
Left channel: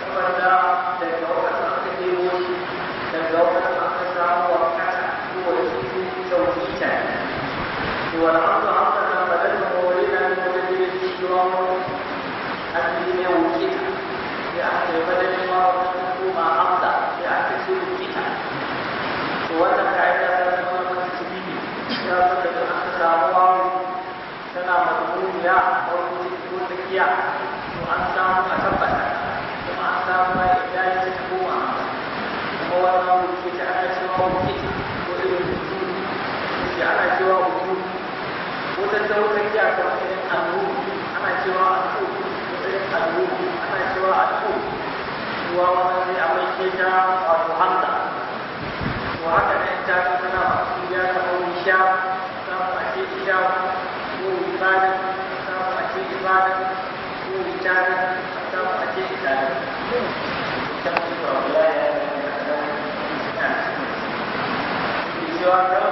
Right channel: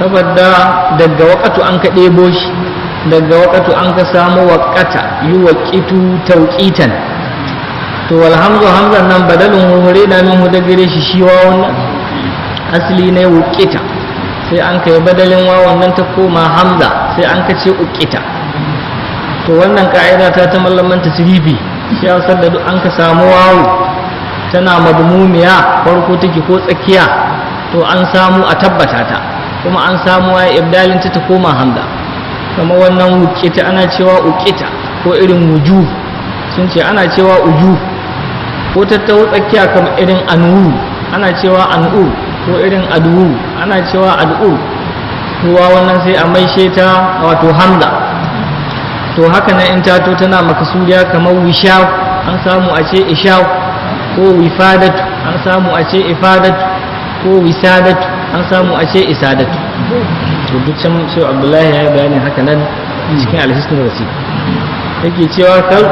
saboda daga waqatu an ka ɗebo shi daga waƙatu an ka samu waƙata yi waƙitu tauƙitan to alhamdu hamzan nan badalin hure da min huda gare shi shi wawan nan asali ne wuƙita sai an kai badalin wawan nan ta koma hamza sai an ka ce uƙita to wannan ka'ida ta mallaman tasrifi shi ya da duk an ka samu wawu tana madmumiya farko take ko tsakiya to an samu a tabbata ta kuma an samu ya ibdalin ta koma hamza kama wannan wukita ana cewa ukita ko irin wuju sun ce ana cewa uju ko tattaho tsakiya kama irin anuru ana cewa an'u ko irin ad'u ana cewa ad'u kowa wannan sai a maishe ta wato hamza. To haka nan in tato tana makasuriya kamar wishaw an samu a ce ishaw ko wifadatu an samu a ce ifadatu ko wisadatu an samu a ce isadatu. To duk can sai Abdullahi ya bayani haka nan cikin alhisnul wasi yake cewa kal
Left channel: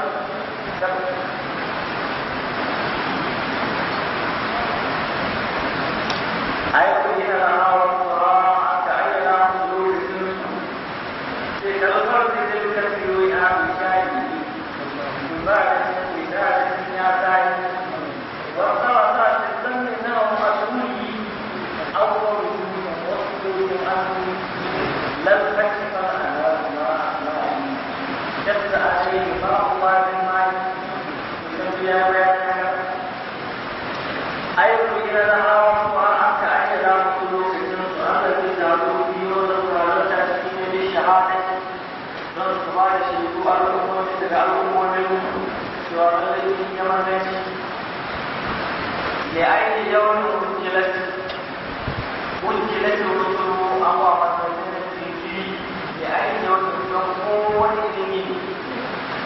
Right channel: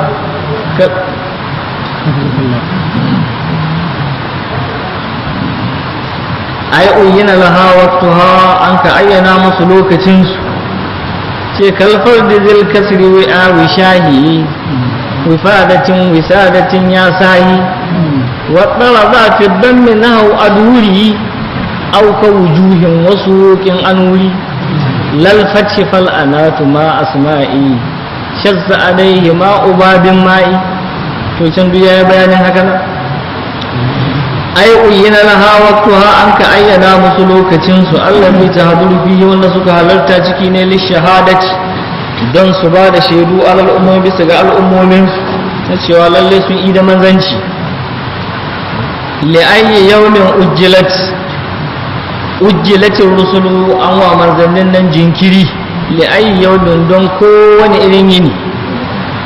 ai uyyana laha waqtaha an ka ayyana musu lokacin su ce kalfar da zil kasri wa wishahi wifadatin wisadatin ya sahi wa talaba fi dammi nahu aduri aw ka wujuhin wasuqin anuri lal fathi fal anatu ma asma'i shazza alayhi ma ubabin ma'i. To can duk ya bayanin haka nan ai uyyana laha waqtaha an ka ayyana musu lokacin su Allah bai tahaduru fihi wanda suka halarta ciki ne li shahadati don su ba da shaidu alal ummi bisa ga al'ummomin su na cewa lalle sun yi da manzanci. li ayyi yawmin ujjilatir rusulu an wa manzannin nan jinkiri li ayyi yawmin don kowane irin yini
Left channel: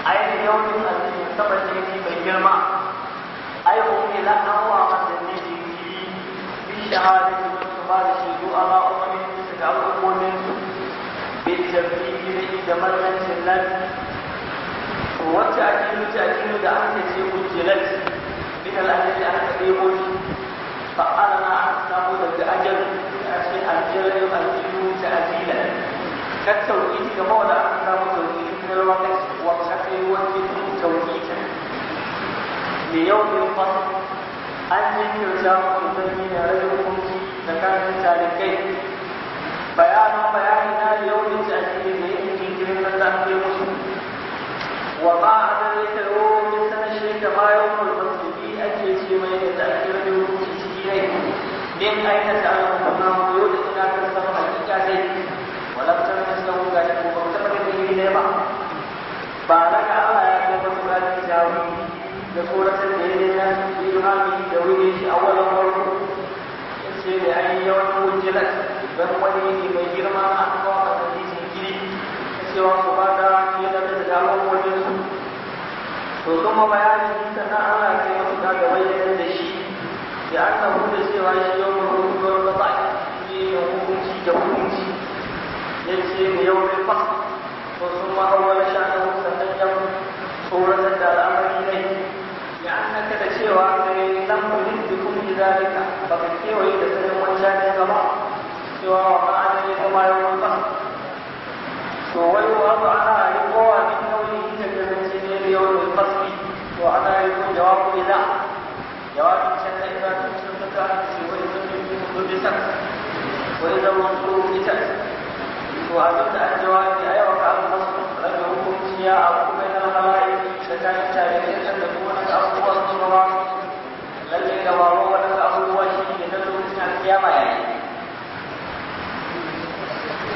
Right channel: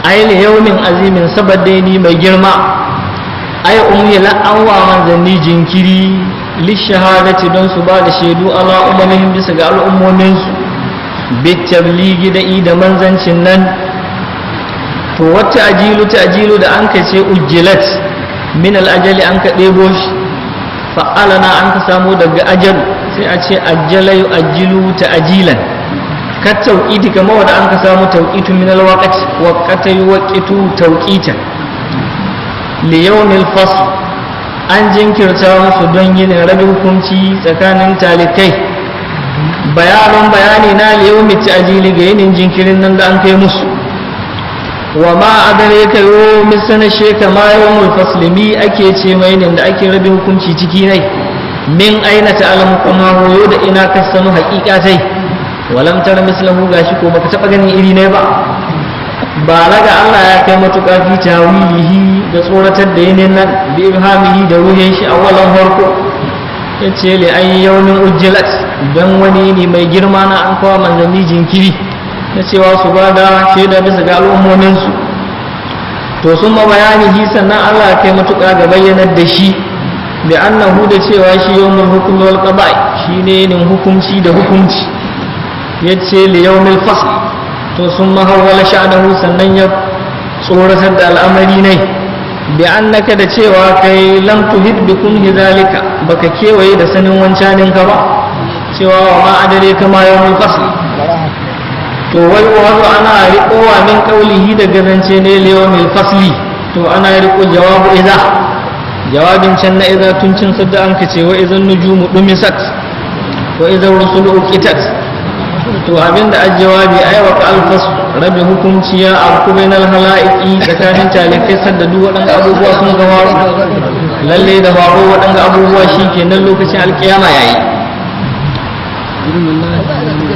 ai li yawmin azimin saboda ni mai girma ai umhila an wa manzanni jinkiri li shahadati don su ba da shaidu ala ummihim bisa ga al'ummomin su bi tabligi da manzancin nan. To wata ajilu da an kace ujjilat min al-ajali an ka debo shi fa'alana an ka samu daga ajal sai a ce ajjala yu'ajjilu ta'jilan ka tauqiti kamar wanda an ka samu tauqitu min al-waqti waqata yuqitu tauqitan li yawmil fasl an jinkirta musu don yin rabin hukunci tsakanin talikai. Bayani na li yawmi ta'jili ga yin jinkirin nan da an kai musu. Wa ma adraka yawmi sanashe kama yawmul fasl mi ake ce mai ne da ake rabin hukunci ciki ne min aina ta'lamu kuma hoyo da ina ka sanu haqiqatai walam tara mislahu gashi ko baka taba ganin iri ne ba. Balaga Allah ya kai matuƙa fi tawilihi da tsoratar da yinin nan bi ibhamihi da ruhin shi awalan harko yace li ay yawmin ujjilat dan wani ne mai girma na an kawo manzanni jinkiri na cewa su ba da shaida bisa ga al'ummomin su. To sun ma bayanihi sannan Allah ya kai matuƙa ga bayyanar da shi bi annahu da cewa shi yawmul hukm wal qada'i shine nin hukunci da hukunci yace li yawmil fasl. To sun mahawwala sha'anahu sannan ya tsoratar da al'amari ne bi annaka da cewa kai lam tuhid bi kunhi zalika baka kewaye da sanin wancanin ka ba cewa wa ma adare kama yawmul fasl. To wai wazo ana riƙowa min qaulihi da gazance ne yawmul fasli. To ana riƙo jawabu idza jawabin can na idza tun cin sadda an kace wa idzan nujumu dumisat wa idza rusulu uqitat. To abinda a jawabi ai wa alfas rabi hukunci ya abku bainal halaiki tsakanin talikai sadda duk waɗanda abubuwa sun gama lalle da faru waɗanda abubuwa shikenan lokacin alkiyama yayi.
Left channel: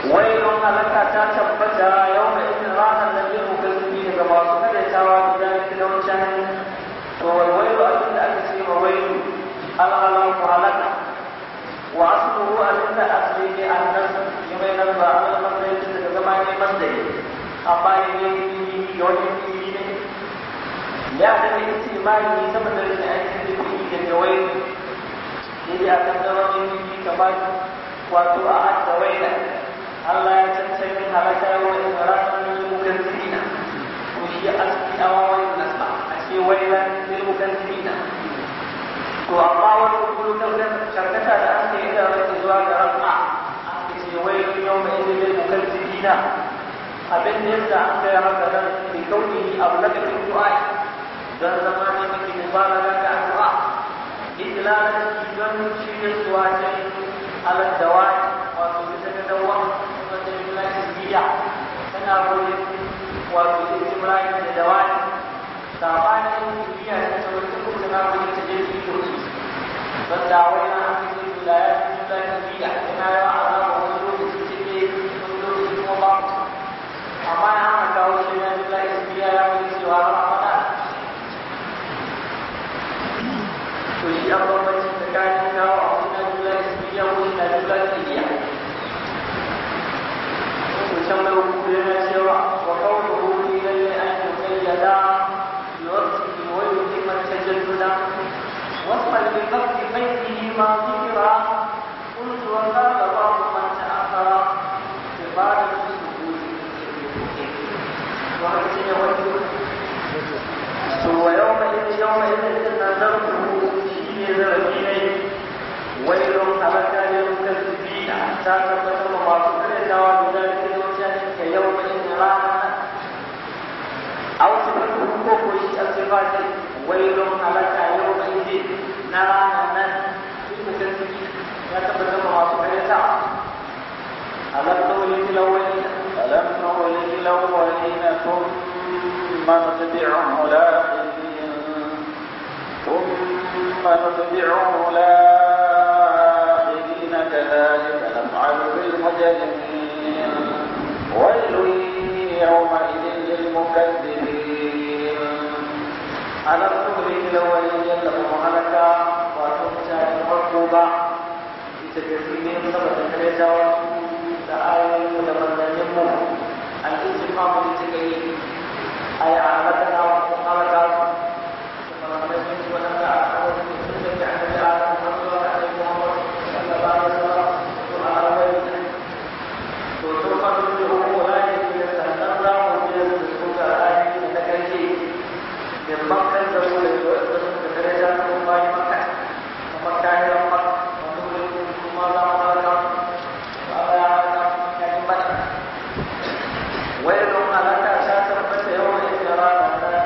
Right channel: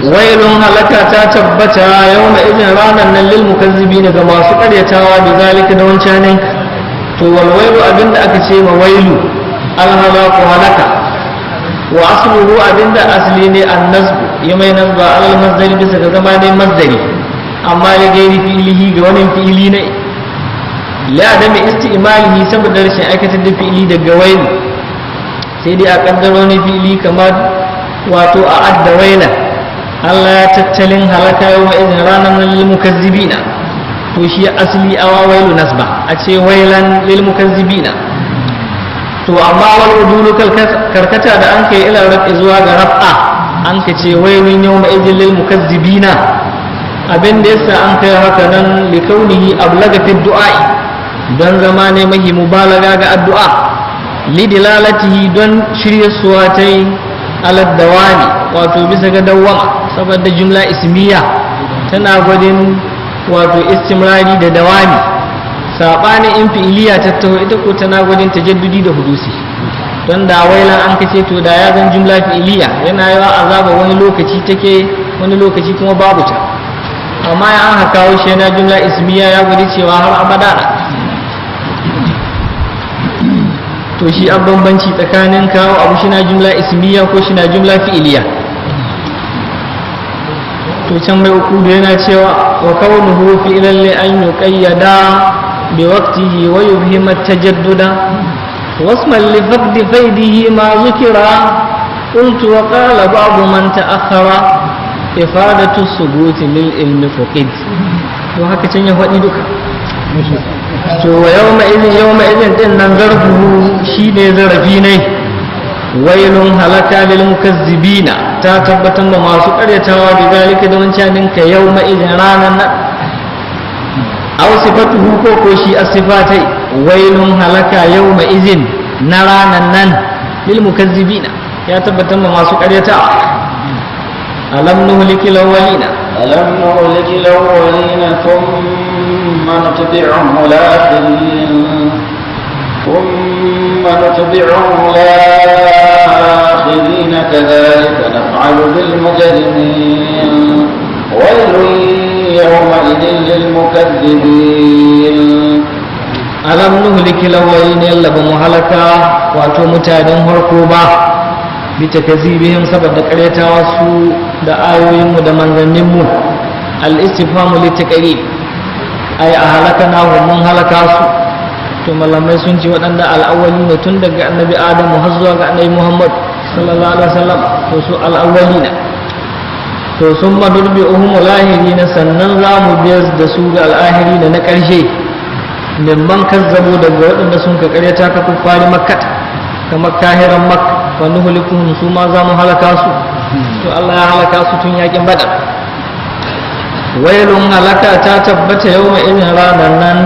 Wailun halaka ta tabbata yawma idin ranan nan lil mukazzibin ga masu karyatawa da zalika da wancanin. To wal wailu abinda aka ce ma wailu al halaku halaka wa asluhu abinda asli ne annasbu ya mai nasba alal masdari bisa ga zama ne masdari amma ya gairi fi'ilihi ga wani fi'ili ne la da mai istimalihi saboda rashin aikatar da fi'ili daga wailu sai dai a kaddaro ne fi'ili kamar wato a adda waila Allah ya tattalin halaka yau izin ranar lil mukazzibina. To shi asli awa wailu nasba a ce wailan lil mukazzibina. To amma wal udulu karkata da an kai ila rafi zuwa ga raf'a an ka ce wailun yawma idil lil mukazzibina abin da yasa an kai haka nan li kaunihi ablaga fi du'a don zama ne mahi mubalaga ga addu'a li dilalatihi don shirye suwatai ala dawani wato bisa ga dawama saboda jumla ismiya tana gwadin wato istimrari da dawami sabanin in fi'iliya tattaho ita ko tana gwadin tajaddudi da hudusi. Don da wailan an kace to da ya zan jumla fi'iliya yana yawa azaba wani lokaci take wani lokaci kuma babu ta. amma ya aka kawo shi na jumla ismiya ya gudu cewa har abada na. To shi an bambanci tsakanin kawo abu shi na jumla ismiya ko shi na jumla fi'iliya. To can mai uku da yana cewa wa kaunuhu fi'lan li an yuqayyada bi waqtihi wa yubhima tajadduda wasman li faqdi faydihi ma zukira qultu wa qala ba'du man ta'akhkhara ifadatu subuti lil ilmi fuqid. To haka can ya faɗi duka. To wa yawma idin din nan zarfuhu shine zarafi ne. Wailun halaka lil mukazzibina ta tabbatar da masu karyatawa da zalika da wancanin ka yawma idin ranan nan. Aw sifatuhu ko shi asifatai wailun halaka yawma idin na ranan nan lil mukazzibina ya tabbatar da masu karyatawa. ألم نهلك الأولين ألم نهلك الأولين ثم نتبعهم الآخرين كذلك نفعل بالمجرمين ويل يومئذ للمكذبين ألم نهلك الأولين يلا بمهلكة واتو متادن هركوبا بتكذيبهم سبب قريتا وسو da ayoyinmu da manzanninmu al-istifhamu litaqrib ay ahlakana wa mun halaka su. To malamai sun ce waɗanda al-awwali ne tun daga annabi Adamu har zuwa ga annabi Muhammad sallallahu alaihi wasallam to su al-awwalina. To sun madurbi'uhum al-ahirina sannan za mu biyar da su ga al-ahirina na ƙarshe mimman kazzabu daga waɗanda sun ka ƙaryata ka kuffari makkah kamar kahiran makka wa nuhlikuhum su ma za mu halaka su. To Allah ya halaka su tun yakin badar. Wailun halaka ta tabbata yawma idin ranan nan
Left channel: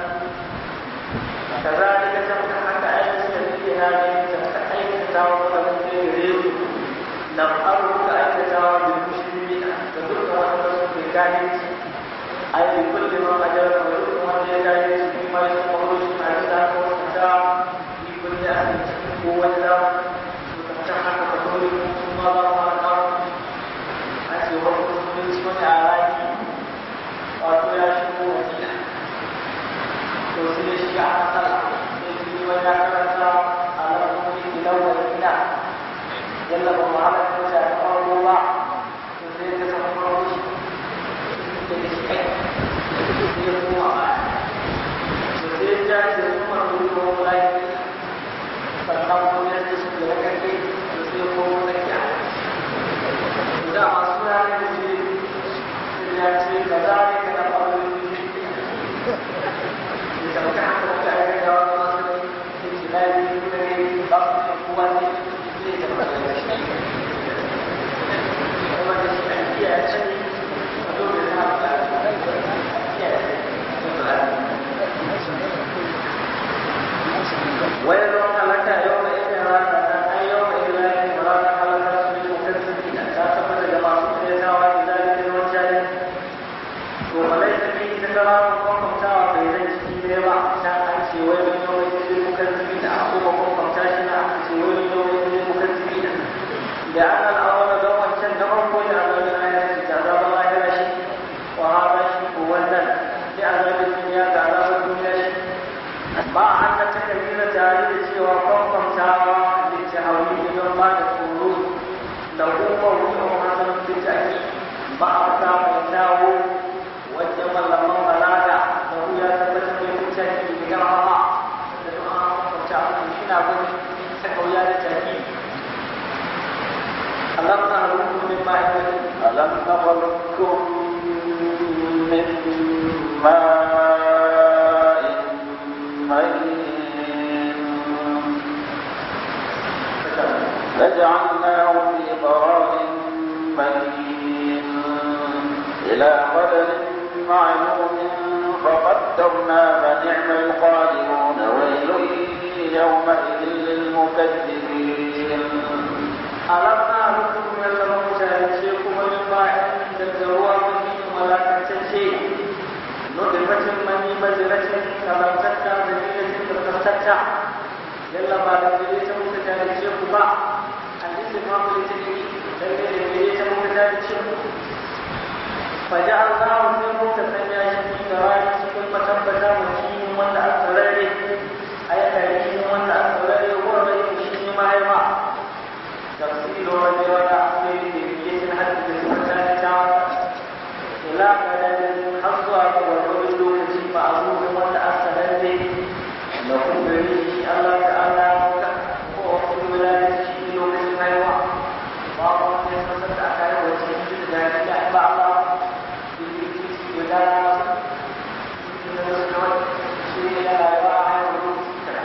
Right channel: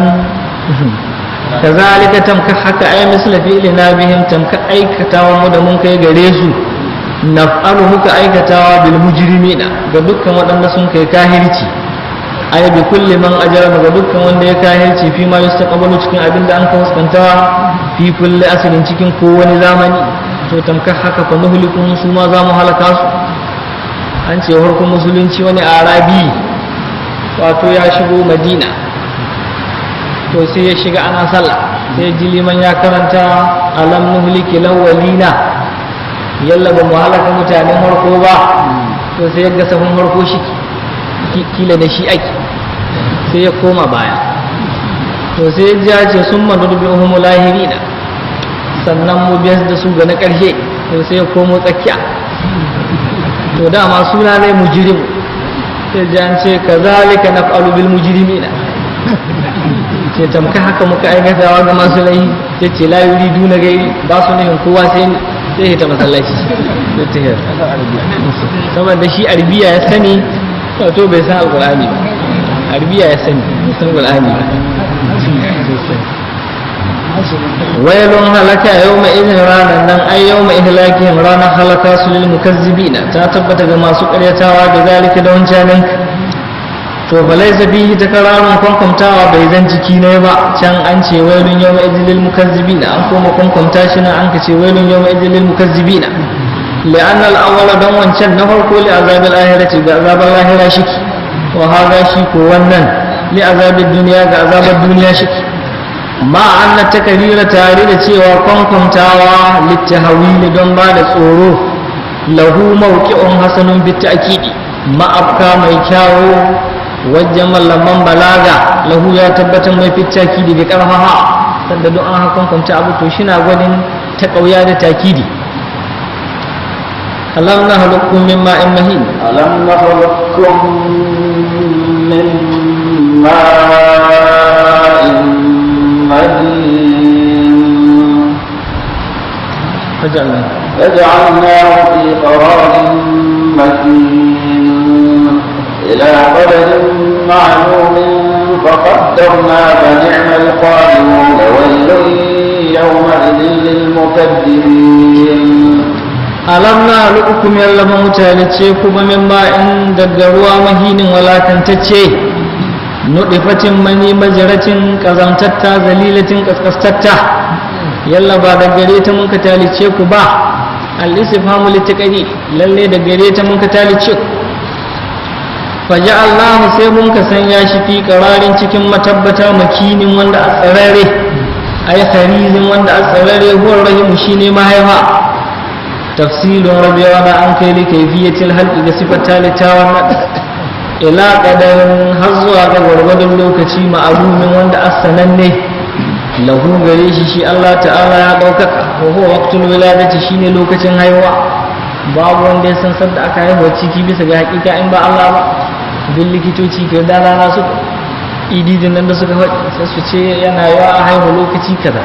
kazalika tamka haka ay misla fi'lina bihim tamka aikatawa mu da mun kai gare su naf'alu muka aikatawa bil mujrimina ga dukkan waɗanda sun kai kahirci ay bi kulli man ajrama ga dukkan wanda ya kahirci fi ma yastaqbalu cikin abin da an ka fuskantawa fi kulli asrin cikin kowane zamani. To tamkar haka fa nuhlikum su ma za mu halaka su. An ce farkon musulunci wani arabi wato ya shigo madina, to sai ya shiga ana sallah sai ji liman ya karanta alam nuhliki lawalina yalla ba mu halaka mutanen farko ba. To sai ya ga sahun farko shi kila da shi ake sai ya koma baya. To sai ya ce sun madurbi'uhum lahirina sannan mu biyar da su ga na ƙarshe. To sai ya komo tsakiya. To dama suna ne mujrim sai ji an ce kazalika naf'alu bil mujrimina ce tamka haka muka aikatawa ga masu laifi. sai ce la yuridu na gai ba su nufin kowa sai ya ta masallaci da ta hiyar saboda shi arbiya ya sani to bai san alqur'ani ba. Arbiya ya sani bai san alqur'ani ba. wailun halaka yawma idin ranan nan ay yawma ihlakihim ranan halaka su lil mukazzibina ta tabbata ga masu ƙaryatawa da zalika da wancanin. To balaysa bihi takararun kwankwamtawa bai zan jiki ne ba. Can an ce wailun yawma idin lil mukazzibina an koma kwankwamta shi nan an ka ce wailun yawma idin lil mukazzibina li'anna al-awwala dan wancan na farko li azabil ahirati ga azabar lahira shiki wa hada shi ko wannan li azabil dunya ga azabar duniya shiki ma anna takarira tare da cewa kwankwamtawa littahawili don ba da tsoro lahu mawqi'un hasanun bitakidi ma'afka mai kyawo wajen mallaman balaga lahu ya tabbatar mai fitakidi da karfafa sanda don an kwankwamta abu to shi na gwadin ta kauya da takidi. alam nahlukum min ma'in mahin alam nahlukum min ma'in فجعلناه في قرار مكين إلى قدر معلوم فقدرنا فنعم القادرون ويل يومئذ للمكذبين. ألم نخلقكم يلا موتالتشيكم من ماء دغروا مهين ولا تنتشي نطفة مني مجرة كزمتتا ذليلة كسكستتا yalla ba da gare ta mun ka talice ku ba. al-istifhamu litaqadi lalle da gare ta mun ka talice ku. faja'alnahu sai mun ka sanya shi fi qararin cikin matabbata makinin wanda a tsarare ay kharizin wanda a tsarare huwa rahimu shine mahaifa tafsilun rabiwa da an kai li kayfiyatil halqi da sifata litawan ila qadarin har zuwa ga gwargwadon lokaci ma'alumin wanda as-sananne lahu gare shi Allah ta'ala ya ɗaukaka ko huwa waqtul wiladati shine lokacin haihuwa babu wanda ya san sadda aka haihuwa ciki bisa ga hakika in ba Allah ba duk likitoci ke da rana su ididin nan da suka faɗi sai su ce yana yawa a haihu lokaci kaza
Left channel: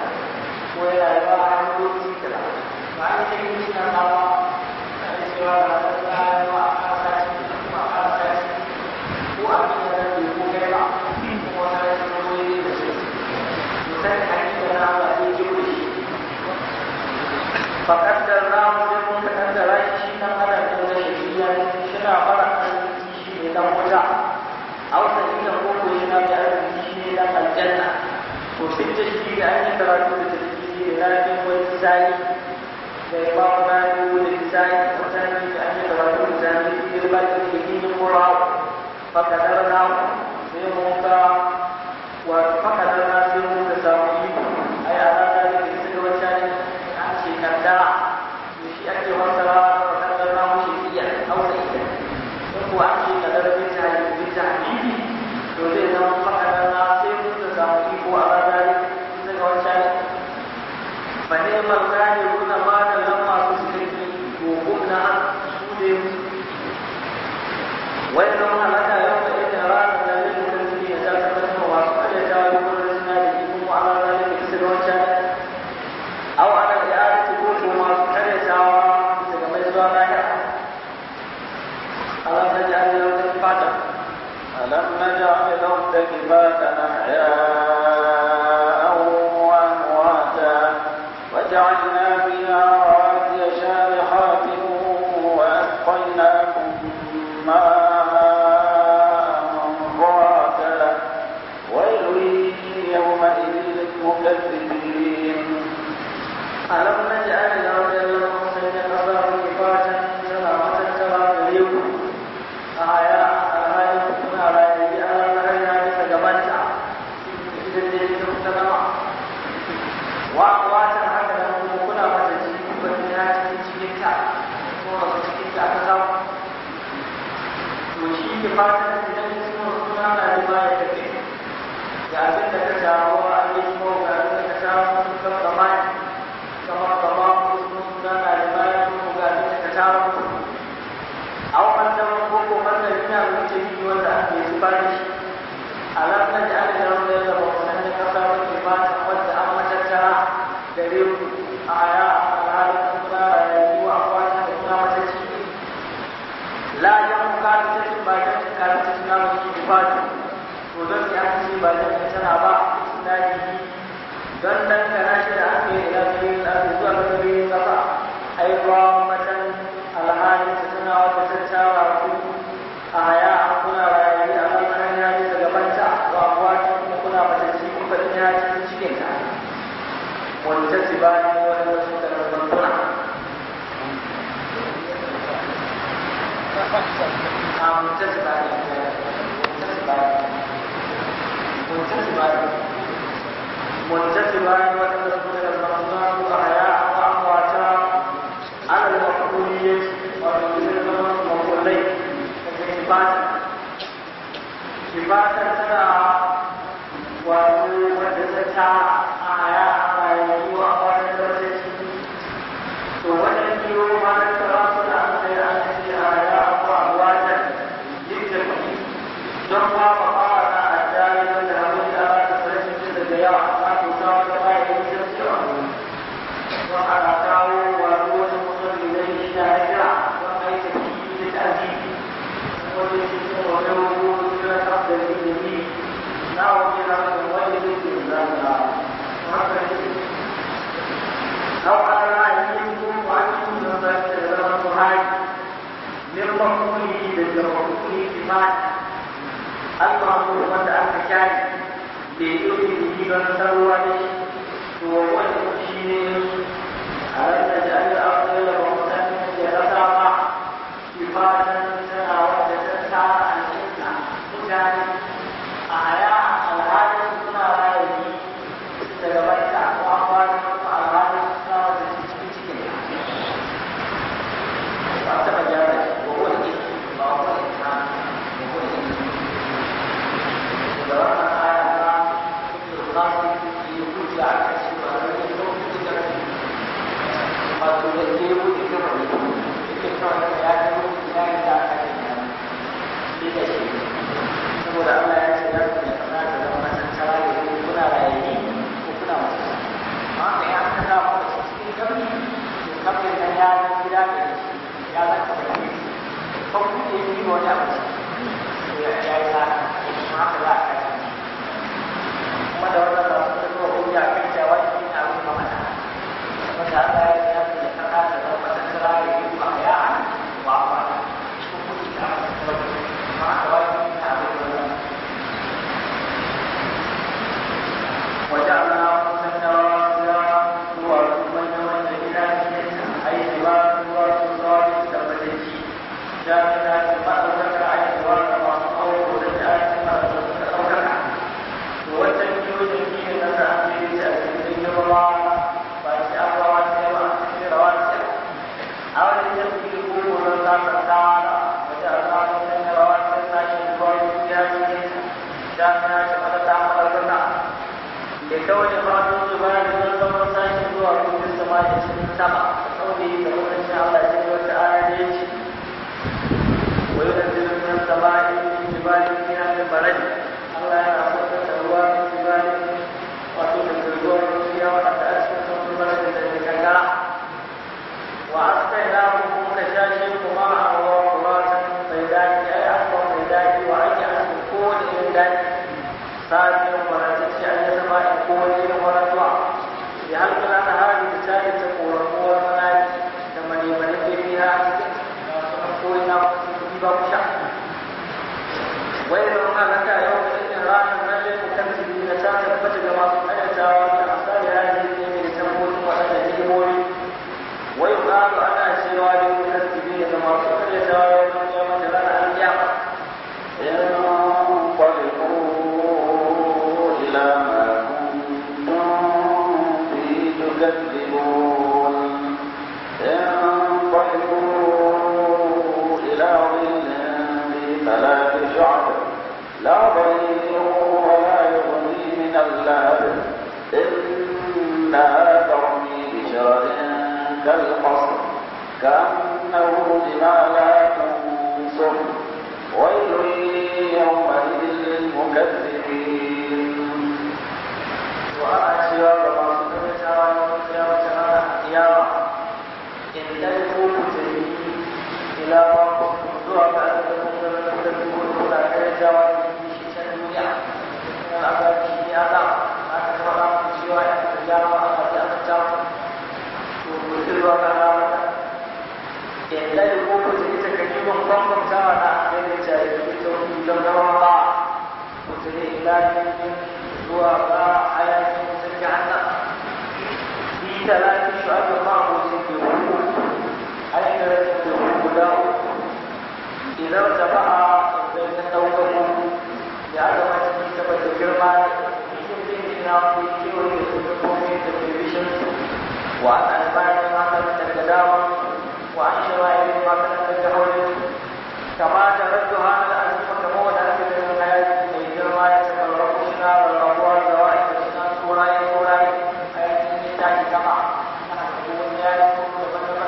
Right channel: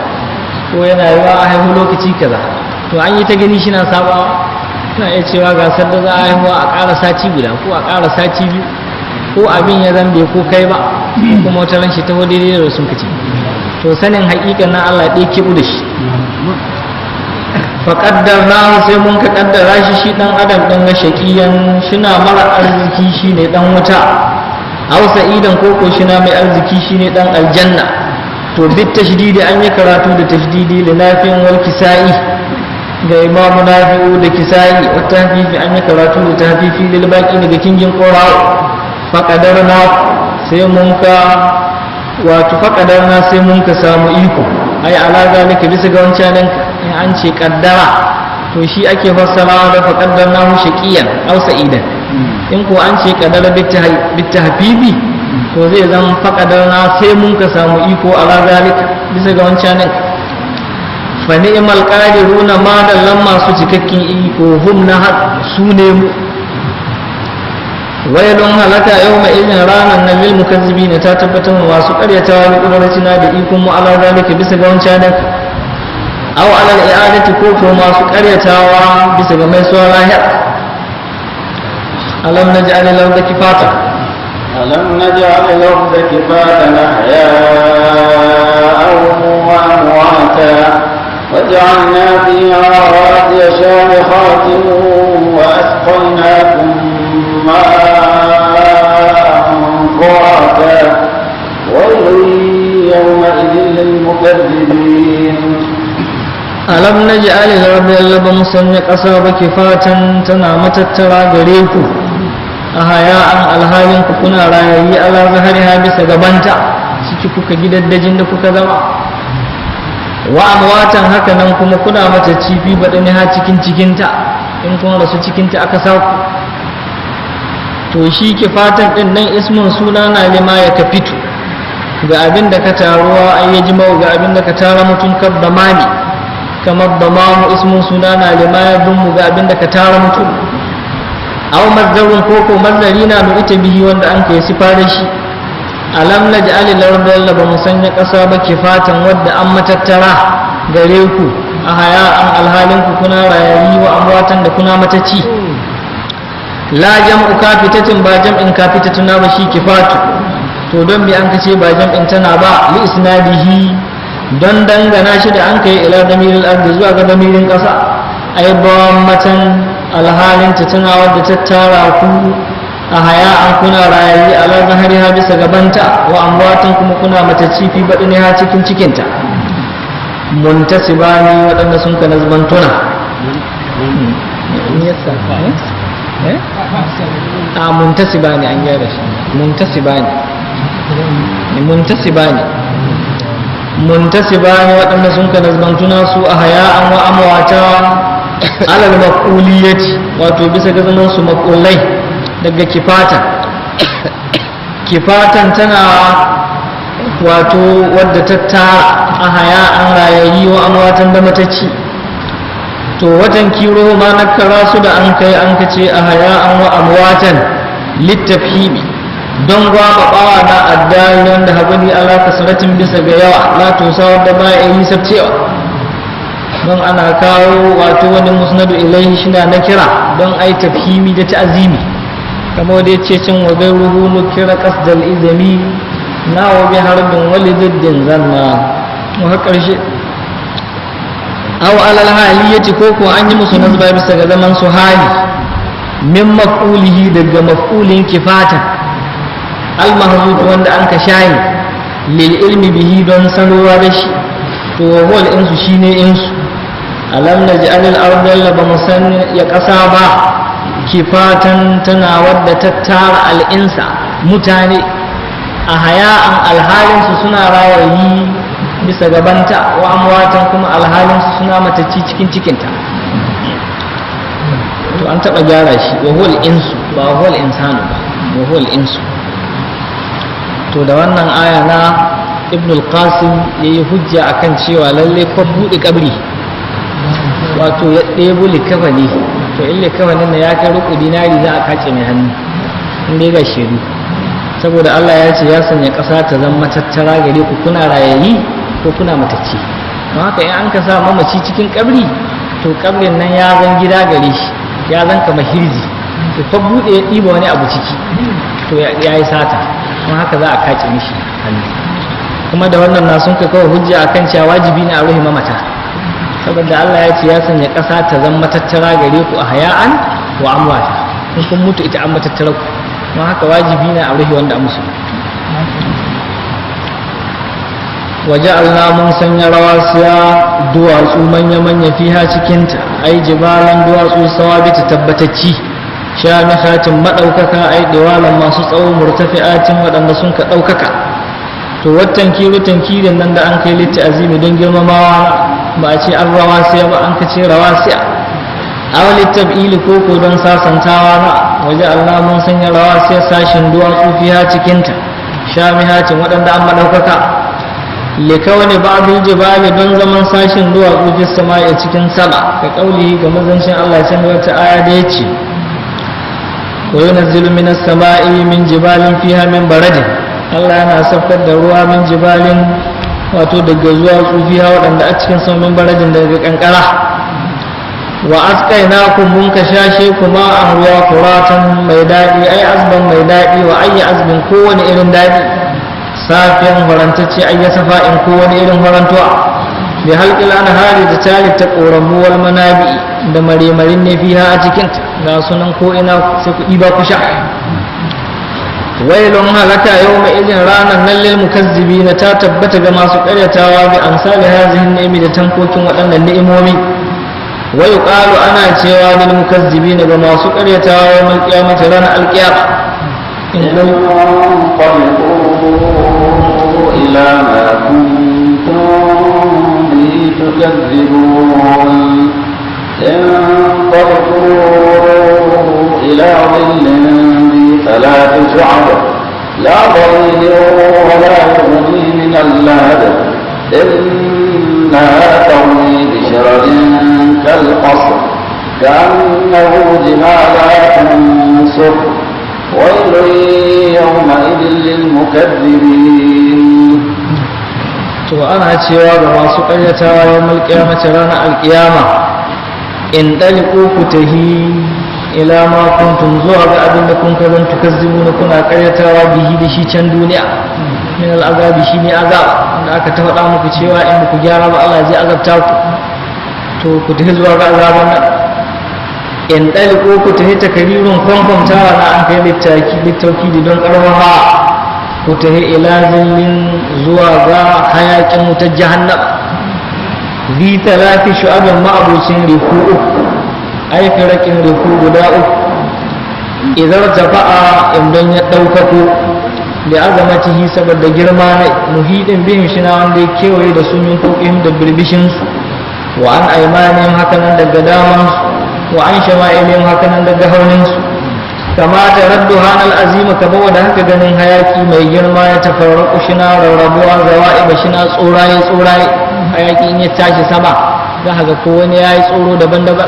ko yana yawa a haihu lokaci kaza to an yi ta gani shi na sabawa na iya cewa ga sadda za a haihuwa a ƙara sati guda ko a ƙara sati biyu ko abin ya zambe ko kai ba kuma wata ran shi ta daidai da sun kace to sanin haƙiƙa na Allah ɗaya kibu da shi faƙaddar na sai mun ka ƙaddara shi ɗan adam ɗan ga shaƙiyan shina mara arziki shi ne ɗan wuta hausa idan koko shina mai arziki shi ne ɗan aljanna to bit tashdidi an yi karatu da tashdidi linafin wal kisa'i ga imamu nafi'u da kisa'i wata hafifi an yi karatu da tahfifi lil baqi daga kingin qorawa faƙadar na sai mun ka wato faƙadarna sai mun ka samu iko ai ala zalika bisa ga wancan in an ce kaddara to shi ake fassarawa da faƙadarna hu shaqiyan aw sa'idan in ko an ce kaddara bitta habibi to zai zama faƙadarna sai mun ka samu iko ala zalika bisa ga wancan fa ni'mal qadiruna ma dallan masu cikakken iko hum na sune mu wailun halaka yau mai izin ranar na lil mukazzibi na ta tabbatar masu karyatawa da kudarcina da ikon mu ala zalika bisa ga wancan nan aw ala al-i'adati ko masu karyatawa bisa ga mai suwa lahir alam naj'al al-ardha kifata alam naj'al al-ardha kifatan ahya'an wa amwata waj'alna fiha rawasiya shamikhatin wa asqaynakum ma'a alam naj'al al-ardha ba musanya ƙasa ba kifatan tana matattara gare ku a haya'an alhalin ku kuna rayayi ala zahariha bisa gabanta ciki kuka gidaddajin da kuka zama wa amwatan haka nan kuma kuna mata cifi baɗani ha cikinta in kun rasu cikinta aka saku to shi kifatan ɗin nan ismin suna na lima ya kafitu ga abin da ka taruwa an yi jima'u ga abin da ka tara mutum kabba mani kamar da mamu ismin suna na limayar dunmu ga abin da ka tara mutum aw mazdarun koko mazdari na mu ita bihi wanda an kai sifa da shi alam naj'al al-ardha ba musanya ƙasa ba kifatan wadda an matattara gare ku a haya'an alhalin ku kuna rayayi wa amwatan da kuna matacci la jam'u kafitatin ba jam'in kafitatuna ba shi kifatu to don bi an kace ba jam'in tana ba li isnadihi don dangana shi da an kai ila damiril ardi zuwa ga damirin ƙasa ai ba matan alhalin ta tana wadda ta tara ku a haya an kuna rayayi ala zahariha bisa gabanta wa amwatan kuma kuna matacci fi ha cikin cikinta muntasibani waɗanda sun ka nazbantuna a muntasibani an gyara shi muntasibani waɗanda sun ka nazbantuna su a haya'an wa amwata alal maquliyati wato bisa ga zaman su maqulai daga kifatan tana wato wadda ta tara a haya'an rayayi wa amwatan da matacci to watan kiro ma nakara su da an kai an kace a haya'an wa amwatan littafhimi don gwababawa na addani da habani ala kasratin bisa ga yawa la to sawar da ba yi sabcewa don ana kawo wato wani musnadu ilaihi shina na kira don ai tafhimi da ta'zimi kamar da yace cin wa gairuhu nukira qasdal izami na wa bi harbin walididdin zanna mu har karshe aw alal haliyati ko an yi musu nazba bisa ga zaman su hali min maf'ulihi daga maf'ulin kifatan al-mahzuf wanda an ka shayi lil ilmi bihi don sanarwa da shi to wal insu shine insu alam naj'al al-ardha ba musan ya kasa ba kifatan tana wadda ta tara al'insa mutane a haya'an alhalinsu suna rayayi bisa gabanta wa amwatan kuma alhalinsu suna matacci cikin cikinta. To an taɓa gyara shi wa huwal insu ba huwal insanu ba wa huwal insu. To da wannan aya na ibn al-qasim yayi hujja akan cewa lalle ko buɗe kabri wato ya ɗebo likafani, to in likafanin da ya kai ruku dinari za a kace mai hannu in dai ga shiru, saboda Allah ya ce ya sanya ƙasa ta zama matattara gare ku kuna rayayi ko kuna matacci. don haka in an ka sa mamaci cikin kabri to kabrin nan ya zan gida gare shi, ya zan kama hirji, to fa buɗe ya ɗiba wani abu ciki to ya yi sata, don haka za a kace mishi hannu. kuma da wannan na sun ka kawo hujja akan cewa wajibi ne a ruhi mamata, saboda Allah ya ce ya sanya ƙasa ta zama matattara gare ku a haya'an wa amwata, in kun mutu ita an matattara ku, don haka wajibi ne a ruhi wanda a musu. waje Allah mun sanya rawasiya duwatsu manya-manya fiha cikinta, ai jibalan duwatsu sawabita tabbatacci, shamikhatin maɗaukaka, ai diwalan masu tsawo murtafi'atin waɗanda sun ka ɗaukaka. to wattan tankirin nan da an kai litti azimi don girmamawa ba a ce an rawasiya ba, an ka ce rawasiya aw litab'ili koko don sasantawa na waje Allah mun sanya rawasiya sashin duwatsu fiha cikinta, shamihatin waɗanda an maɗaukaka, likawani ba'dul jibali don zaman sashin duwatsu fi sama'i cikin sama, ka kauli ga mazancin Allah can wata aya da yace wa yunzilu minas sama'i min jibalin fiha min baradin, Allah yana saukar da ruwa min jibalin wato daga zuwa tsufiya waɗanda a cikin saumin baradin daga kankara. wa asqainakum mun ka shashe kuma an ruwa kuratan mai daɗi, ai azban mai daɗi, wa ayyi azbin kowane irin daɗi, safiyan farantacce ayya safa'in kowane irin farantuwa, bi halqil anhari da tali ta ƙoramu wal manabi da marimarin ne fiha a cikinta, ga sunan ko ina sai ku ɗiba ku sha. wailun halaka yau mai izin ranar nan lil mukazzibi na ta tabbata ga masu karyatawa bi amsali hazihin ni'imi da tankokin waɗannan ni'imomi. wai qalu ana cewa lil mukazzibi ga masu karyatawa yawmal qiyamati ranar alqiyama ila ma kuntum bihi tukadzibun انطلقوا ila dhillin ثلاث شعب لا ضرير ولا يغني من اللهب إنها ترمي بشرر كالقصر كأنه جمالات صفر ويل يومئذ للمكذبين. to ana cewa ga masu ƙaryatawa yawmal qiyamati ranar alƙiyama in daliku ku tahi ila ma kuntum zuwa ga abin da kun kazan tukazzibuna kuna karyatawa bihi da shi can duniya min al'azabi shine azab da aka ta faɗa muku cewa in ku gyara ba Allah zai azabta ku, to ku tafi zuwa ga azaban nan. in daliku ku tafi takarirun kwankwamtawa na an kai littauki don karfafa, ku tafi ila zillin zuwa ga hayakin wutar jahannam, bi talafi shu'abin ma'abucin riku ai firakin rufu guda uku, idan tafa'a idan ya ɗaukako da azamatihi saboda girma na muhidin bin shi na wanda ya kewaye da sunan kokin da birbishinsu, wa an aimanin hakanan daga damansu, wa an shama'ilin hakanan daga hauninsu, kama ta raddu hanal azima ka bawa da haka ganin hayaki mai girma ya tafarraku shi na rarrabuwa zawa'iba shi na tsoraye hayaki in ya tashi sama za ka ga ko wani ya yi tsoro daban-daban.